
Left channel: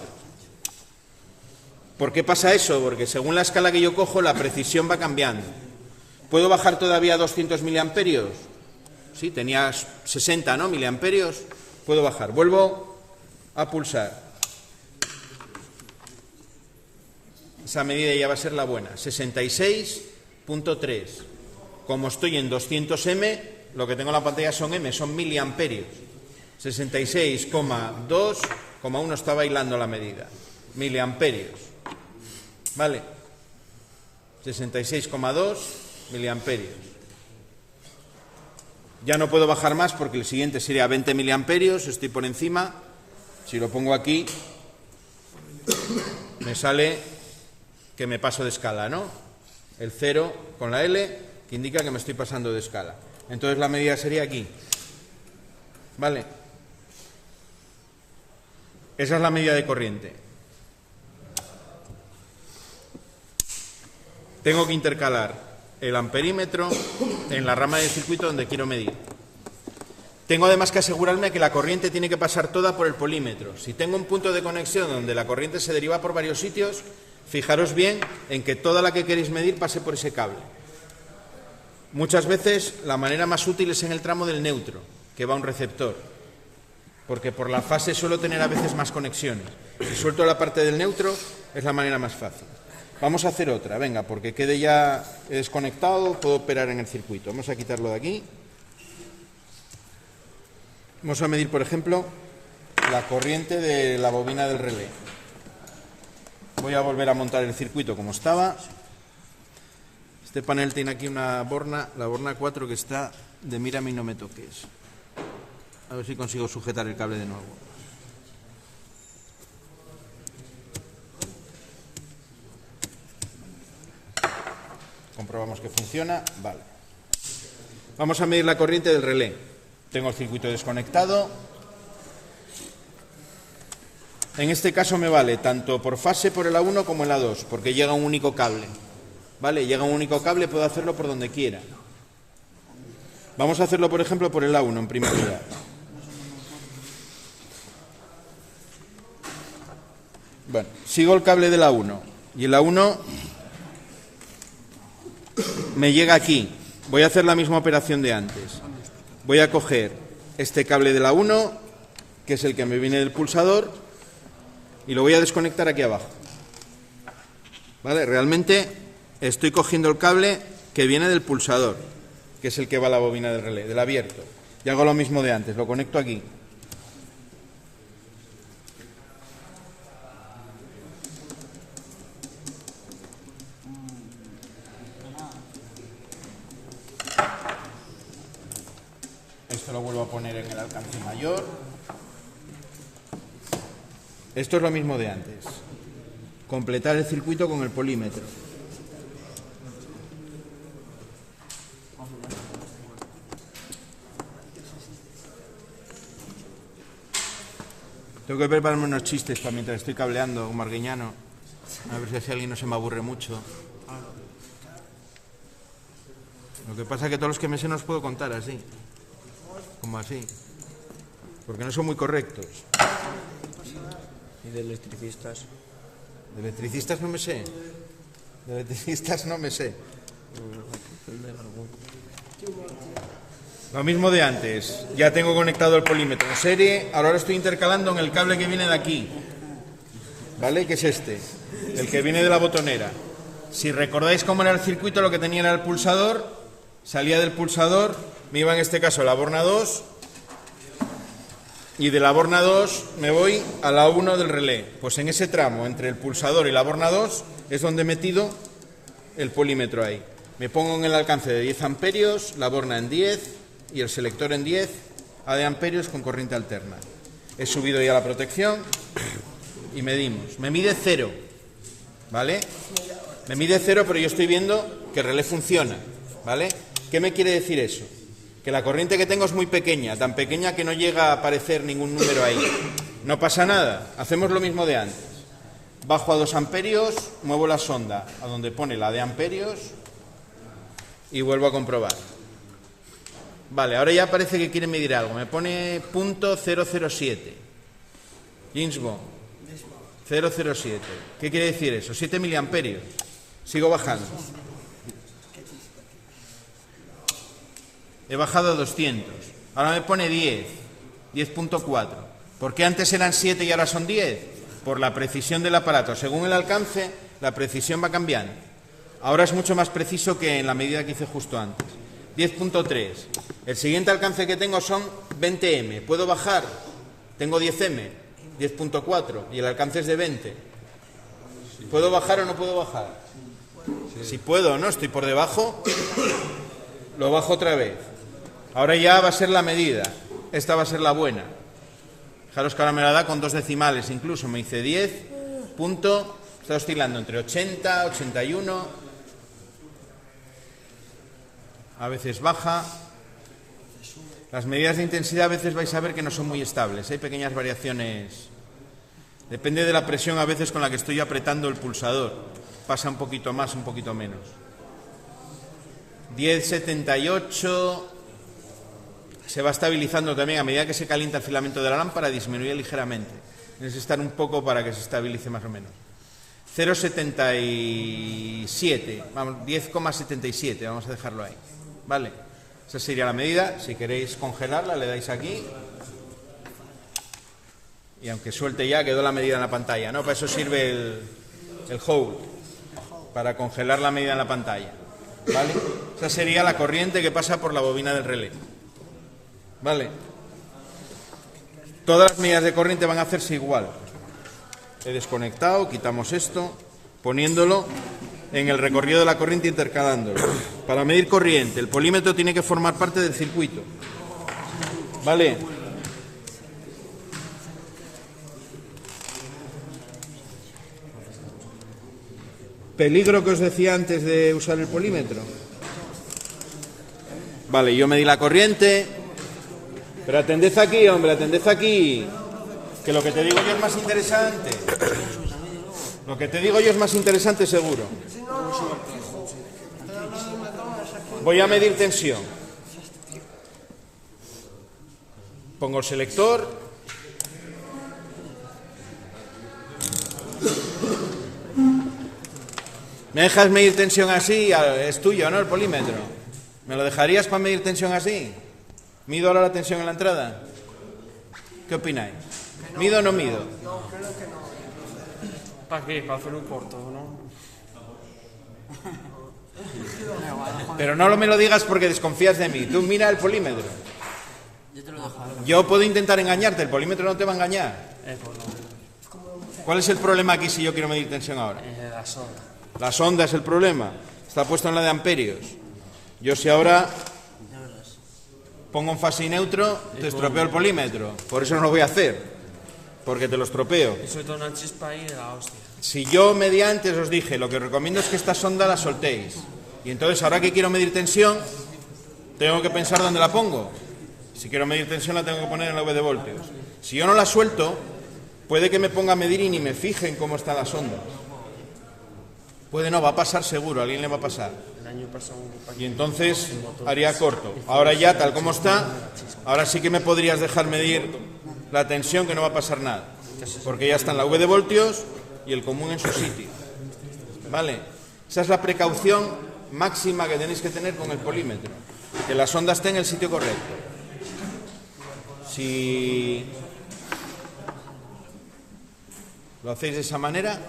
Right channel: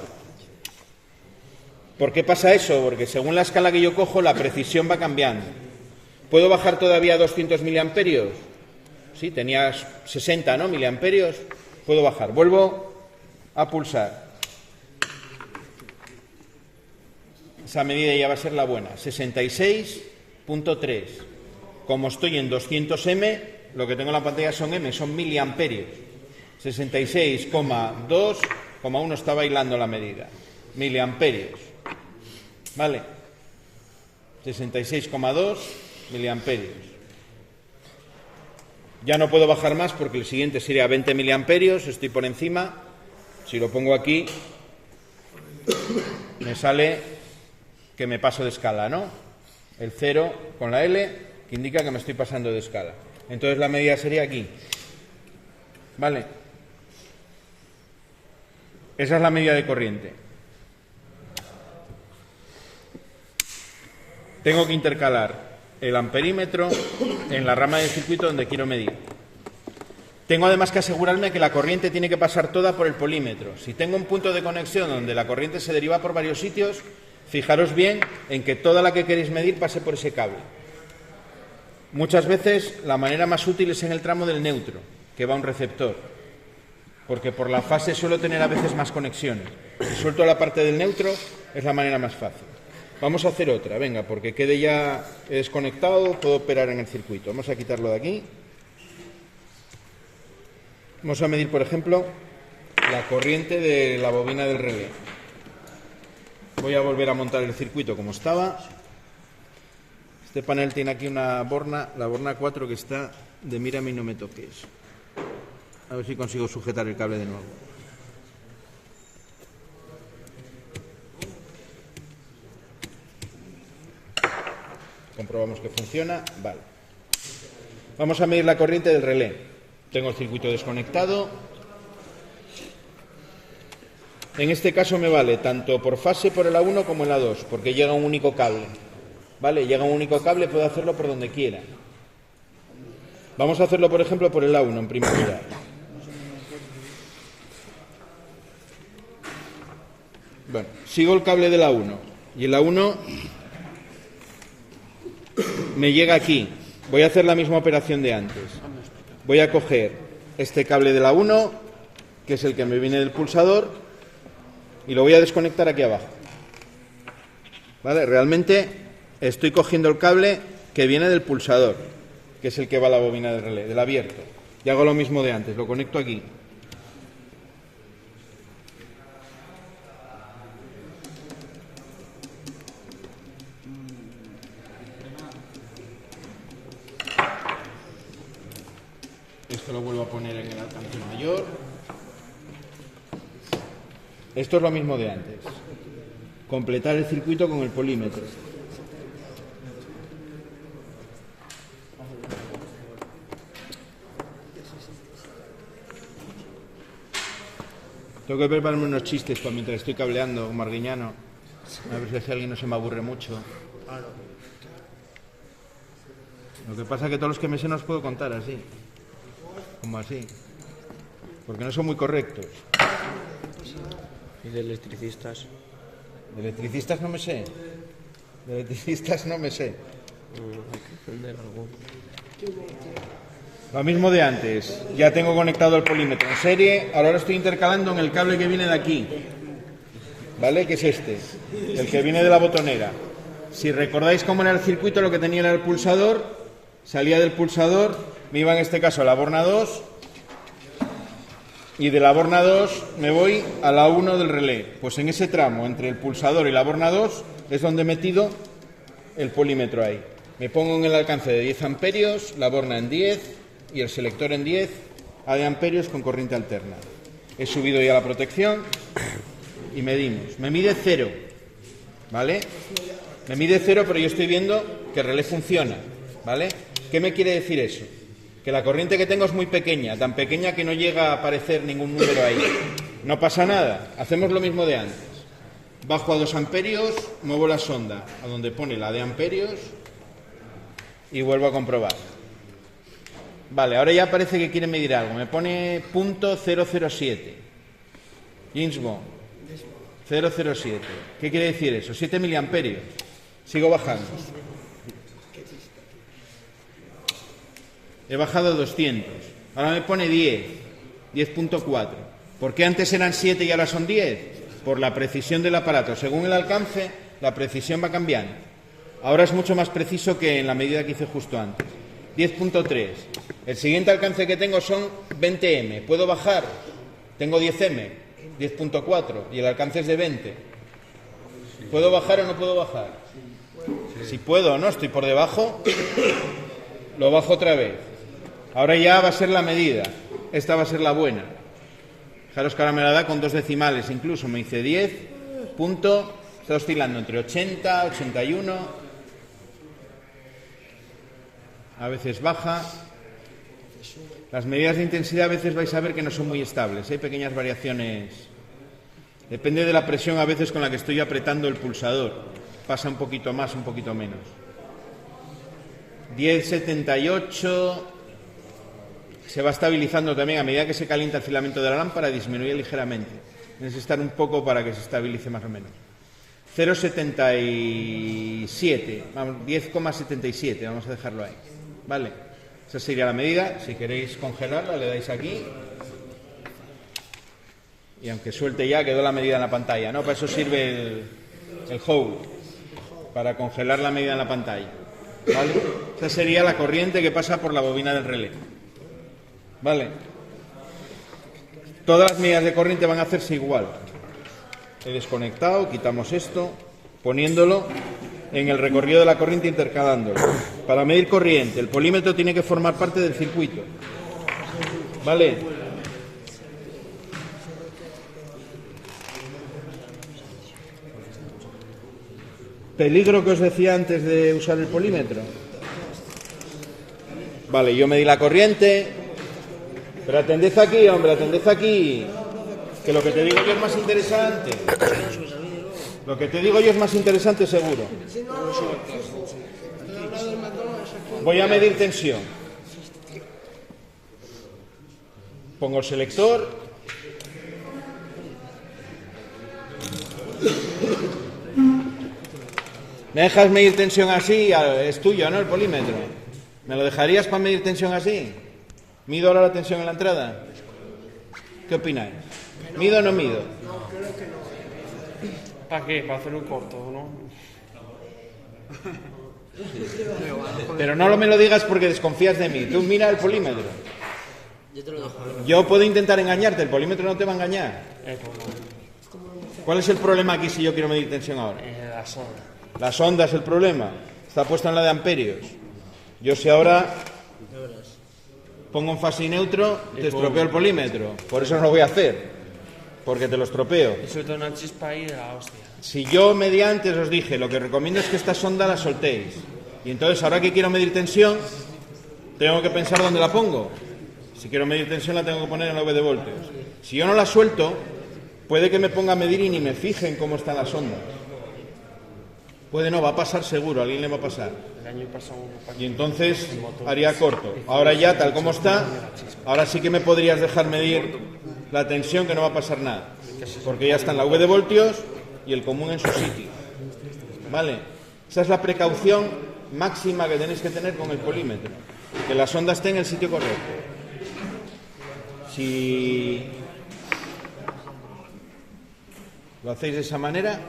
¿Por qué pasa eso? Porque según la escala que yo cojo, la precisión va cambiando. ¿Puedo bajar todavía 200 miliamperios? Sí, tenía 60, ¿no? Miliamperios. Puedo bajar. Vuelvo a pulsar. Esa medida ya va a ser la buena. 66.3. Como estoy en 200M, lo que tengo en la pantalla son M, son miliamperios. 66,2,1 está bailando la medida. Miliamperios. ¿Vale? 66,2 miliamperios. Ya no puedo bajar más porque el siguiente sería 20 miliamperios, estoy por encima. Si lo pongo aquí, me sale que me paso de escala, ¿no? El 0 con la L, que indica que me estoy pasando de escala. Entonces la medida sería aquí. ¿Vale? Esa es la medida de corriente. Tengo que intercalar el amperímetro en la rama del circuito donde quiero medir. Tengo además que asegurarme que la corriente tiene que pasar toda por el polímetro. Si tengo un punto de conexión donde la corriente se deriva por varios sitios, fijaros bien en que toda la que queréis medir pase por ese cable. Muchas veces la manera más útil es en el tramo del neutro, que va a un receptor, porque por la fase suelo tener a veces más conexiones. Si suelto la parte del neutro, es la manera más fácil. Vamos a hacer otra, venga, porque quede ya desconectado, puedo operar en el circuito. Vamos a quitarlo de aquí. Vamos a medir, por ejemplo, la corriente de la bobina del relé. Voy a volver a montar el circuito como estaba. Este panel tiene aquí una borna, la borna 4, que está de mírame y no me toques. A ver si consigo sujetar el cable de nuevo. Comprobamos que funciona. Vale. Vamos a medir la corriente del relé. Tengo el circuito desconectado. En este caso me vale tanto por fase por el A1 como el A2, porque llega un único cable. ¿Vale? Llega un único cable, puedo hacerlo por donde quiera. Vamos a hacerlo, por ejemplo, por el A1 en primer lugar. Bueno, sigo el cable del A1 y el A1 me llega aquí. Voy a hacer la misma operación de antes. Voy a coger este cable de la 1, que es el que me viene del pulsador, y lo voy a desconectar aquí abajo. ¿Vale? Realmente estoy cogiendo el cable que viene del pulsador, que es el que va a la bobina del relé, del abierto. Y hago lo mismo de antes, lo conecto aquí. Esto lo vuelvo a poner en el alcance mayor. Esto es lo mismo de antes. Completar el circuito con el polímetro. Tengo que prepararme unos chistes para mientras estoy cableando, como Arguiñano. A ver si alguien no se me aburre mucho. Lo que pasa es que todos los que me sé no los puedo contar así. Como así. Porque no son muy correctos. ¿Y de electricistas? De electricistas no me sé. De electricistas no me sé. Lo mismo de antes. Ya tengo conectado el polímetro en serie. Ahora lo estoy intercalando en el cable que viene de aquí. ¿Vale? Que es este. El que viene de la botonera. Si recordáis cómo era el circuito, lo que tenía era el pulsador. Salía del pulsador. Me iba en este caso a la borna 2. Y de la borna 2 me voy a la 1 del relé. Pues en ese tramo entre el pulsador y la borna 2 es donde he metido el polímetro ahí. Me pongo en el alcance de 10 amperios, la borna en 10 y el selector en 10 a de amperios con corriente alterna. He subido ya la protección y medimos. Me mide 0, ¿vale? Me mide 0, pero yo estoy viendo que el relé funciona, ¿vale? ¿Qué me quiere decir eso? Que la corriente que tengo es muy pequeña, tan pequeña que no llega a aparecer ningún número ahí. No pasa nada, hacemos lo mismo de antes. Bajo a 2 amperios, muevo la sonda a donde pone la de amperios y vuelvo a comprobar. Vale, ahora ya parece que quiere medir algo. Me pone punto 007. James Bond. 007. ¿Qué quiere decir eso? 7 miliamperios. Sigo bajando. He bajado a 200. Ahora me pone 10. 10.4. ¿Por qué antes eran 7 y ahora son 10? Por la precisión del aparato. Según el alcance, la precisión va cambiando. Ahora es mucho más preciso que en la medida que hice justo antes. 10.3. El siguiente alcance que tengo son 20M. ¿Puedo bajar? Tengo 10M. 10.4. Y el alcance es de 20. ¿Puedo bajar o no puedo bajar? Si puedo o no, estoy por debajo, lo bajo otra vez. Ahora ya va a ser la medida. Esta va a ser la buena. Fijaros que ahora me la da con 2 decimales incluso. Me dice 10. Está oscilando entre 80, 81. A veces baja. Las medidas de intensidad a veces vais a ver que no son muy estables. Hay pequeñas variaciones. Depende de la presión a veces con la que estoy apretando el pulsador. Pasa un poquito más, un poquito menos. 10,78. Se va estabilizando también a medida que se calienta el filamento de la lámpara, disminuye ligeramente. Tienes que estar un poco para que se estabilice más o menos. 0,77. Vamos, 10,77. Vamos a dejarlo ahí. Vale. Esa sería la medida. Si queréis congelarla, le dais aquí. Y aunque suelte ya, quedó la medida en la pantalla, ¿no? Para eso sirve el hold, para congelar la medida en la pantalla. ¿Vale? Esa sería la corriente que pasa por la bobina del relé. ¿Vale? Todas las medidas de corriente van a hacerse igual. He desconectado, quitamos esto, poniéndolo en el recorrido de la corriente, intercalándolo. Para medir corriente, el polímetro tiene que formar parte del circuito. ¿Vale? Peligro que os decía antes de usar el polímetro. Vale, yo medí la corriente. Pero atended aquí, hombre, atended aquí. Que lo que te digo yo es más interesante. Lo que te digo yo es más interesante seguro. Voy a medir tensión. Pongo el selector. ¿Me dejas medir tensión así? Es tuyo, ¿no? El polímetro. ¿Me lo dejarías para medir tensión así? ¿Mido ahora la tensión en la entrada? ¿Qué opináis? ¿Mido o no mido? ¿Para qué? Para hacer un corto, ¿no? Pero no me lo digas porque desconfías de mí. Tú mira el polímetro. Yo puedo intentar engañarte, el polímetro no te va a engañar. ¿Cuál es el problema aquí si yo quiero medir tensión ahora? La sonda. La sonda es el problema. Está puesto en la de amperios. Yo si ahora pongo un fase y neutro, te estropeo el polímetro. Por eso no lo voy a hacer. Porque te lo estropeo. Suelta una chispa ahí de la hostia. Si yo mediante os dije, lo que recomiendo es que esta sonda la soltéis. Y entonces ahora que quiero medir tensión, tengo que pensar dónde la pongo. Si quiero medir tensión la tengo que poner en la V de voltios. Si yo no la suelto, puede que me ponga a medir y ni me fije en cómo están las ondas. Puede no, va a pasar seguro, a alguien le va a pasar. Y entonces haría corto. Ahora ya, tal como está, ahora sí que me podrías dejar medir la tensión, que no va a pasar nada. Porque ya está en la V de voltios y el común en su sitio. ¿Vale? Esa es la precaución máxima que tenéis que tener con el polímetro. Que la sonda esté en el sitio correcto. Si lo hacéis de esa manera,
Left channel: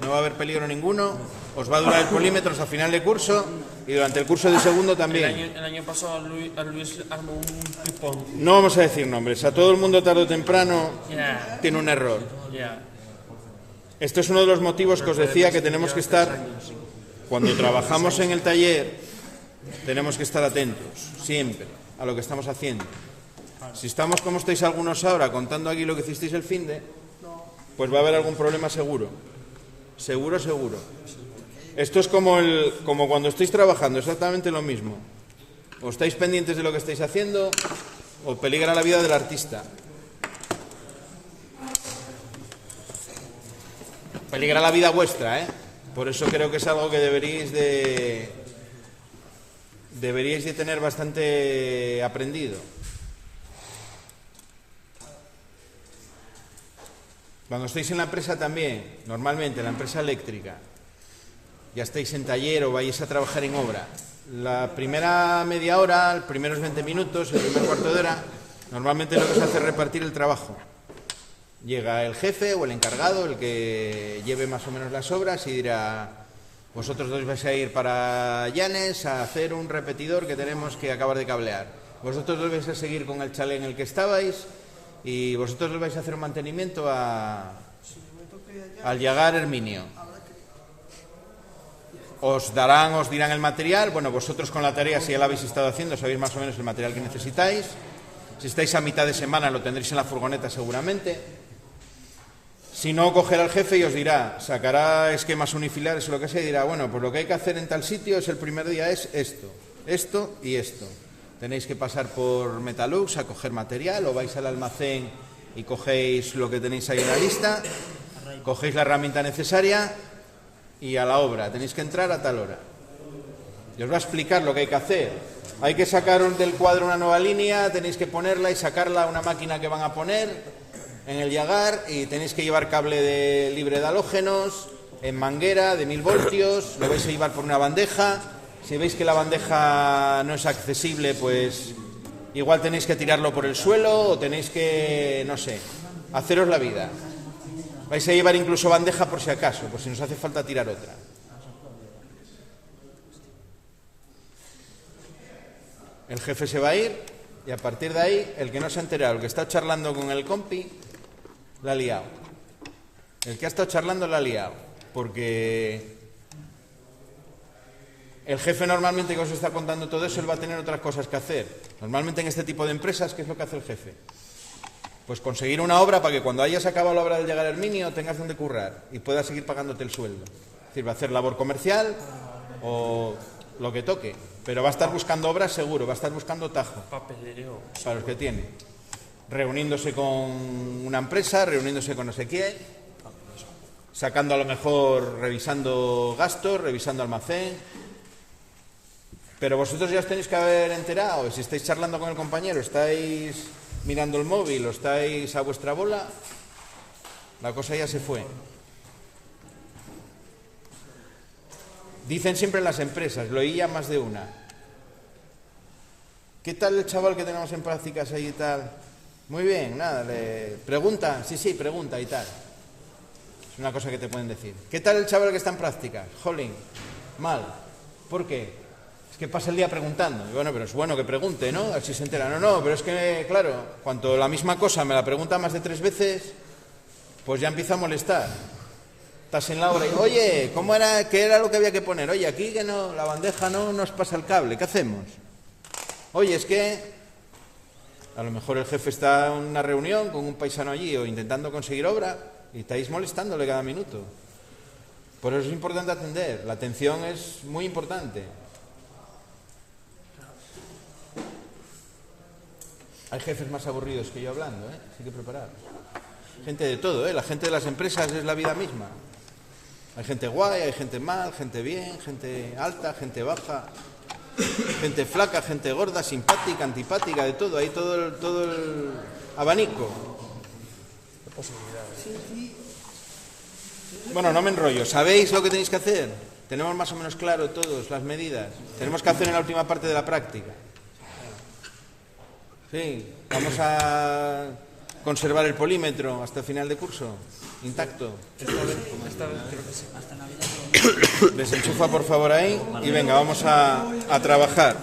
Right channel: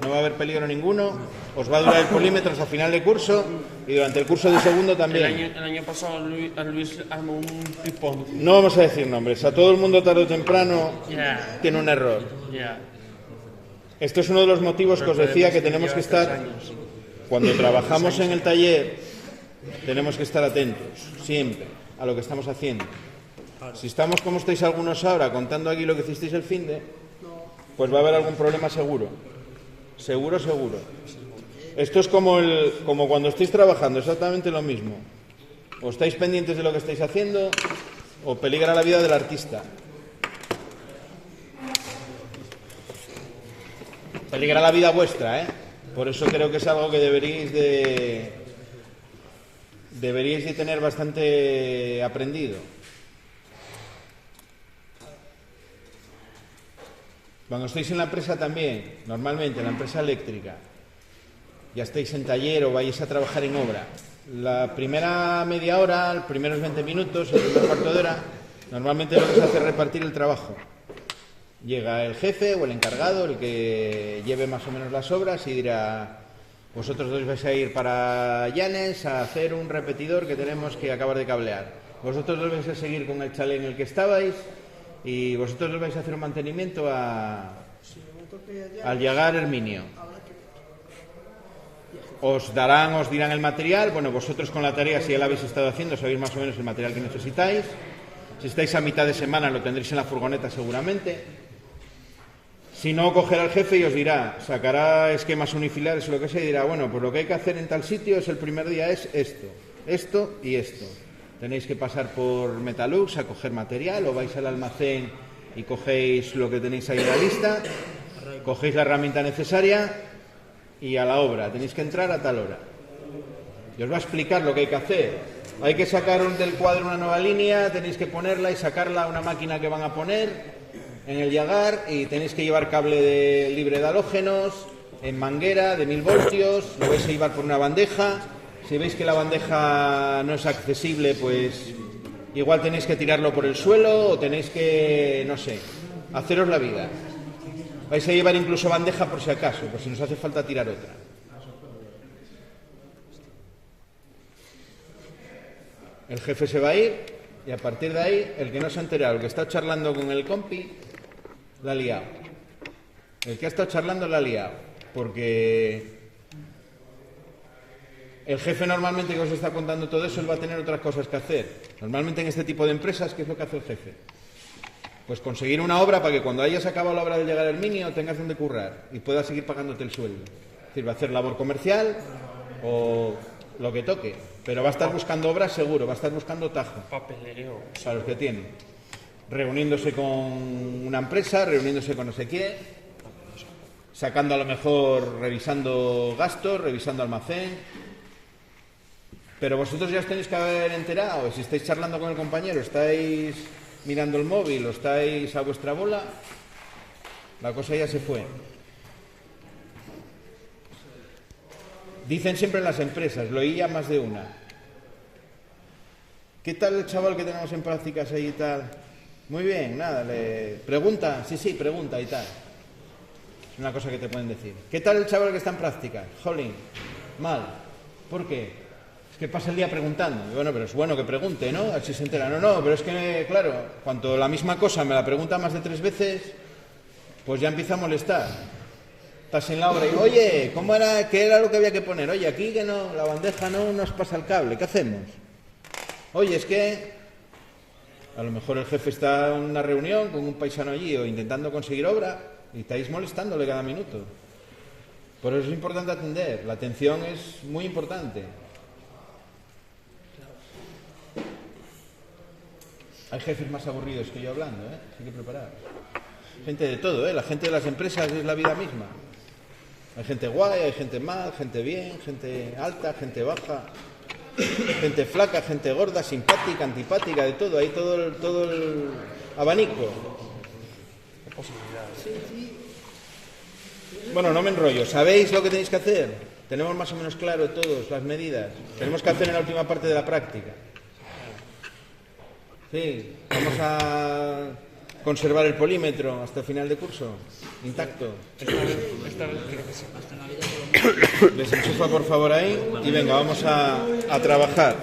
no va a haber peligro ninguno, os va a durar el polímetro hasta final de curso y durante el curso de segundo también. El año pasado Luis armó un pipón. No vamos a decir nombres, a todo el mundo tarde o temprano tiene un error. Este es uno de los motivos que os decía que tenemos que estar, cuando trabajamos en el taller, tenemos que estar atentos, siempre, a lo que estamos haciendo. Si estamos como estáis algunos ahora, contando aquí lo que hicisteis el finde, pues va a haber algún problema seguro. Seguro, seguro. Esto es como cuando estáis trabajando, exactamente lo mismo. O estáis pendientes de lo que estáis haciendo, o peligra la vida del artista. Peligra la vida vuestra, ¿eh? Por eso creo que es algo que deberíais de deberíais de tener bastante aprendido. Cuando estéis en la empresa también, normalmente en la empresa eléctrica, ya estáis en taller o vais a trabajar en obra, la primera media hora, los primeros 20 minutos, el primer cuarto de hora, normalmente lo que se hace es repartir el trabajo. Llega el jefe o el encargado, el que lleve más o menos las obras, y dirá: vosotros dos vais a ir para Llanes a hacer un repetidor que tenemos que acabar de cablear. Vosotros dos vais a seguir con el chalet en el que estabais, y vosotros dos vais a hacer un mantenimiento al llegar Herminio. Os dirán el material. Bueno, vosotros con la tarea, si ya la habéis estado haciendo, sabéis más o menos el material que necesitáis. Si estáis a mitad de semana, lo tendréis en la furgoneta seguramente. Si no, cogerá al jefe y os dirá, sacará esquemas unifilares o lo que sea, y dirá: bueno, pues lo que hay que hacer en tal sitio es el primer día es esto, esto y esto. Tenéis que pasar por Metalux a coger material, o vais al almacén y cogéis lo que tenéis ahí en la lista, cogéis la herramienta necesaria y a la obra. Tenéis que entrar a tal hora. Y os va a explicar lo que hay que hacer. Hay que sacar del cuadro una nueva línea, tenéis que ponerla y sacarla a una máquina que van a poner en el Yagar, y tenéis que llevar cable libre de halógenos, en manguera de 1000 voltios, lo vais a llevar por una bandeja. Si veis que la bandeja no es accesible, pues igual tenéis que tirarlo por el suelo, o tenéis que, no sé, haceros la vida. Vais a llevar incluso bandeja por si acaso, por si nos hace falta tirar otra. El jefe se va a ir, y a partir de ahí, el que no se ha enterado, el que está charlando con el compi, la ha liado. El que ha estado charlando la ha liado, porque el jefe normalmente que os está contando todo eso, él va a tener otras cosas que hacer. Normalmente en este tipo de empresas, ¿qué es lo que hace el jefe? Pues conseguir una obra para que cuando hayas acabado la obra del llegar Herminio tengas donde currar y puedas seguir pagándote el sueldo. Es decir, va a hacer labor comercial o lo que toque, pero va a estar buscando obras seguro, va a estar buscando tajo Papelero. para los que tiene, reuniéndose con una empresa, reuniéndose con no sé quién, sacando a lo mejor, revisando gastos, revisando almacén. Pero vosotros ya os tenéis que haber enterado. Si estáis charlando con el compañero, estáis mirando el móvil o estáis a vuestra bola, la cosa ya se fue. Dicen siempre en las empresas, lo oí ya más de una: ¿qué tal el chaval que tenemos en prácticas ahí y tal? Muy bien, nada, le pregunta, sí, pregunta y tal. Es una cosa que te pueden decir. ¿Qué tal el chaval que está en prácticas? Jolín, mal. ¿Por qué? Es que pasa el día preguntando. Y bueno, pero es bueno que pregunte, ¿no? A ver si se entera. No, pero es que, claro, cuando la misma cosa me la pregunta más de 3 veces, pues ya empieza a molestar. Estás en la hora y, oye, ¿cómo era? ¿Qué era lo que había que poner? Oye, aquí que no, la bandeja no nos pasa el cable, ¿qué hacemos? Oye, es que a lo mejor el jefe está en una reunión con un paisano allí o intentando conseguir obra y estáis molestándole cada minuto. Por eso es importante atender. La atención es muy importante. Hay jefes más aburridos que yo hablando, así que preparados. Gente de todo, la gente de las empresas es la vida misma. Hay gente guay, hay gente mal, gente bien, gente alta, gente baja, gente flaca, gente gorda, simpática, antipática, de todo. Hay todo el abanico. Bueno, no me enrollo. ¿Sabéis lo que tenéis que hacer? Tenemos más o menos claro todos las medidas. Tenemos que hacer en la última parte de la práctica. Sí, vamos a conservar el polímetro hasta el final de curso, intacto. Desenchufa por favor ahí y venga, vamos a trabajar.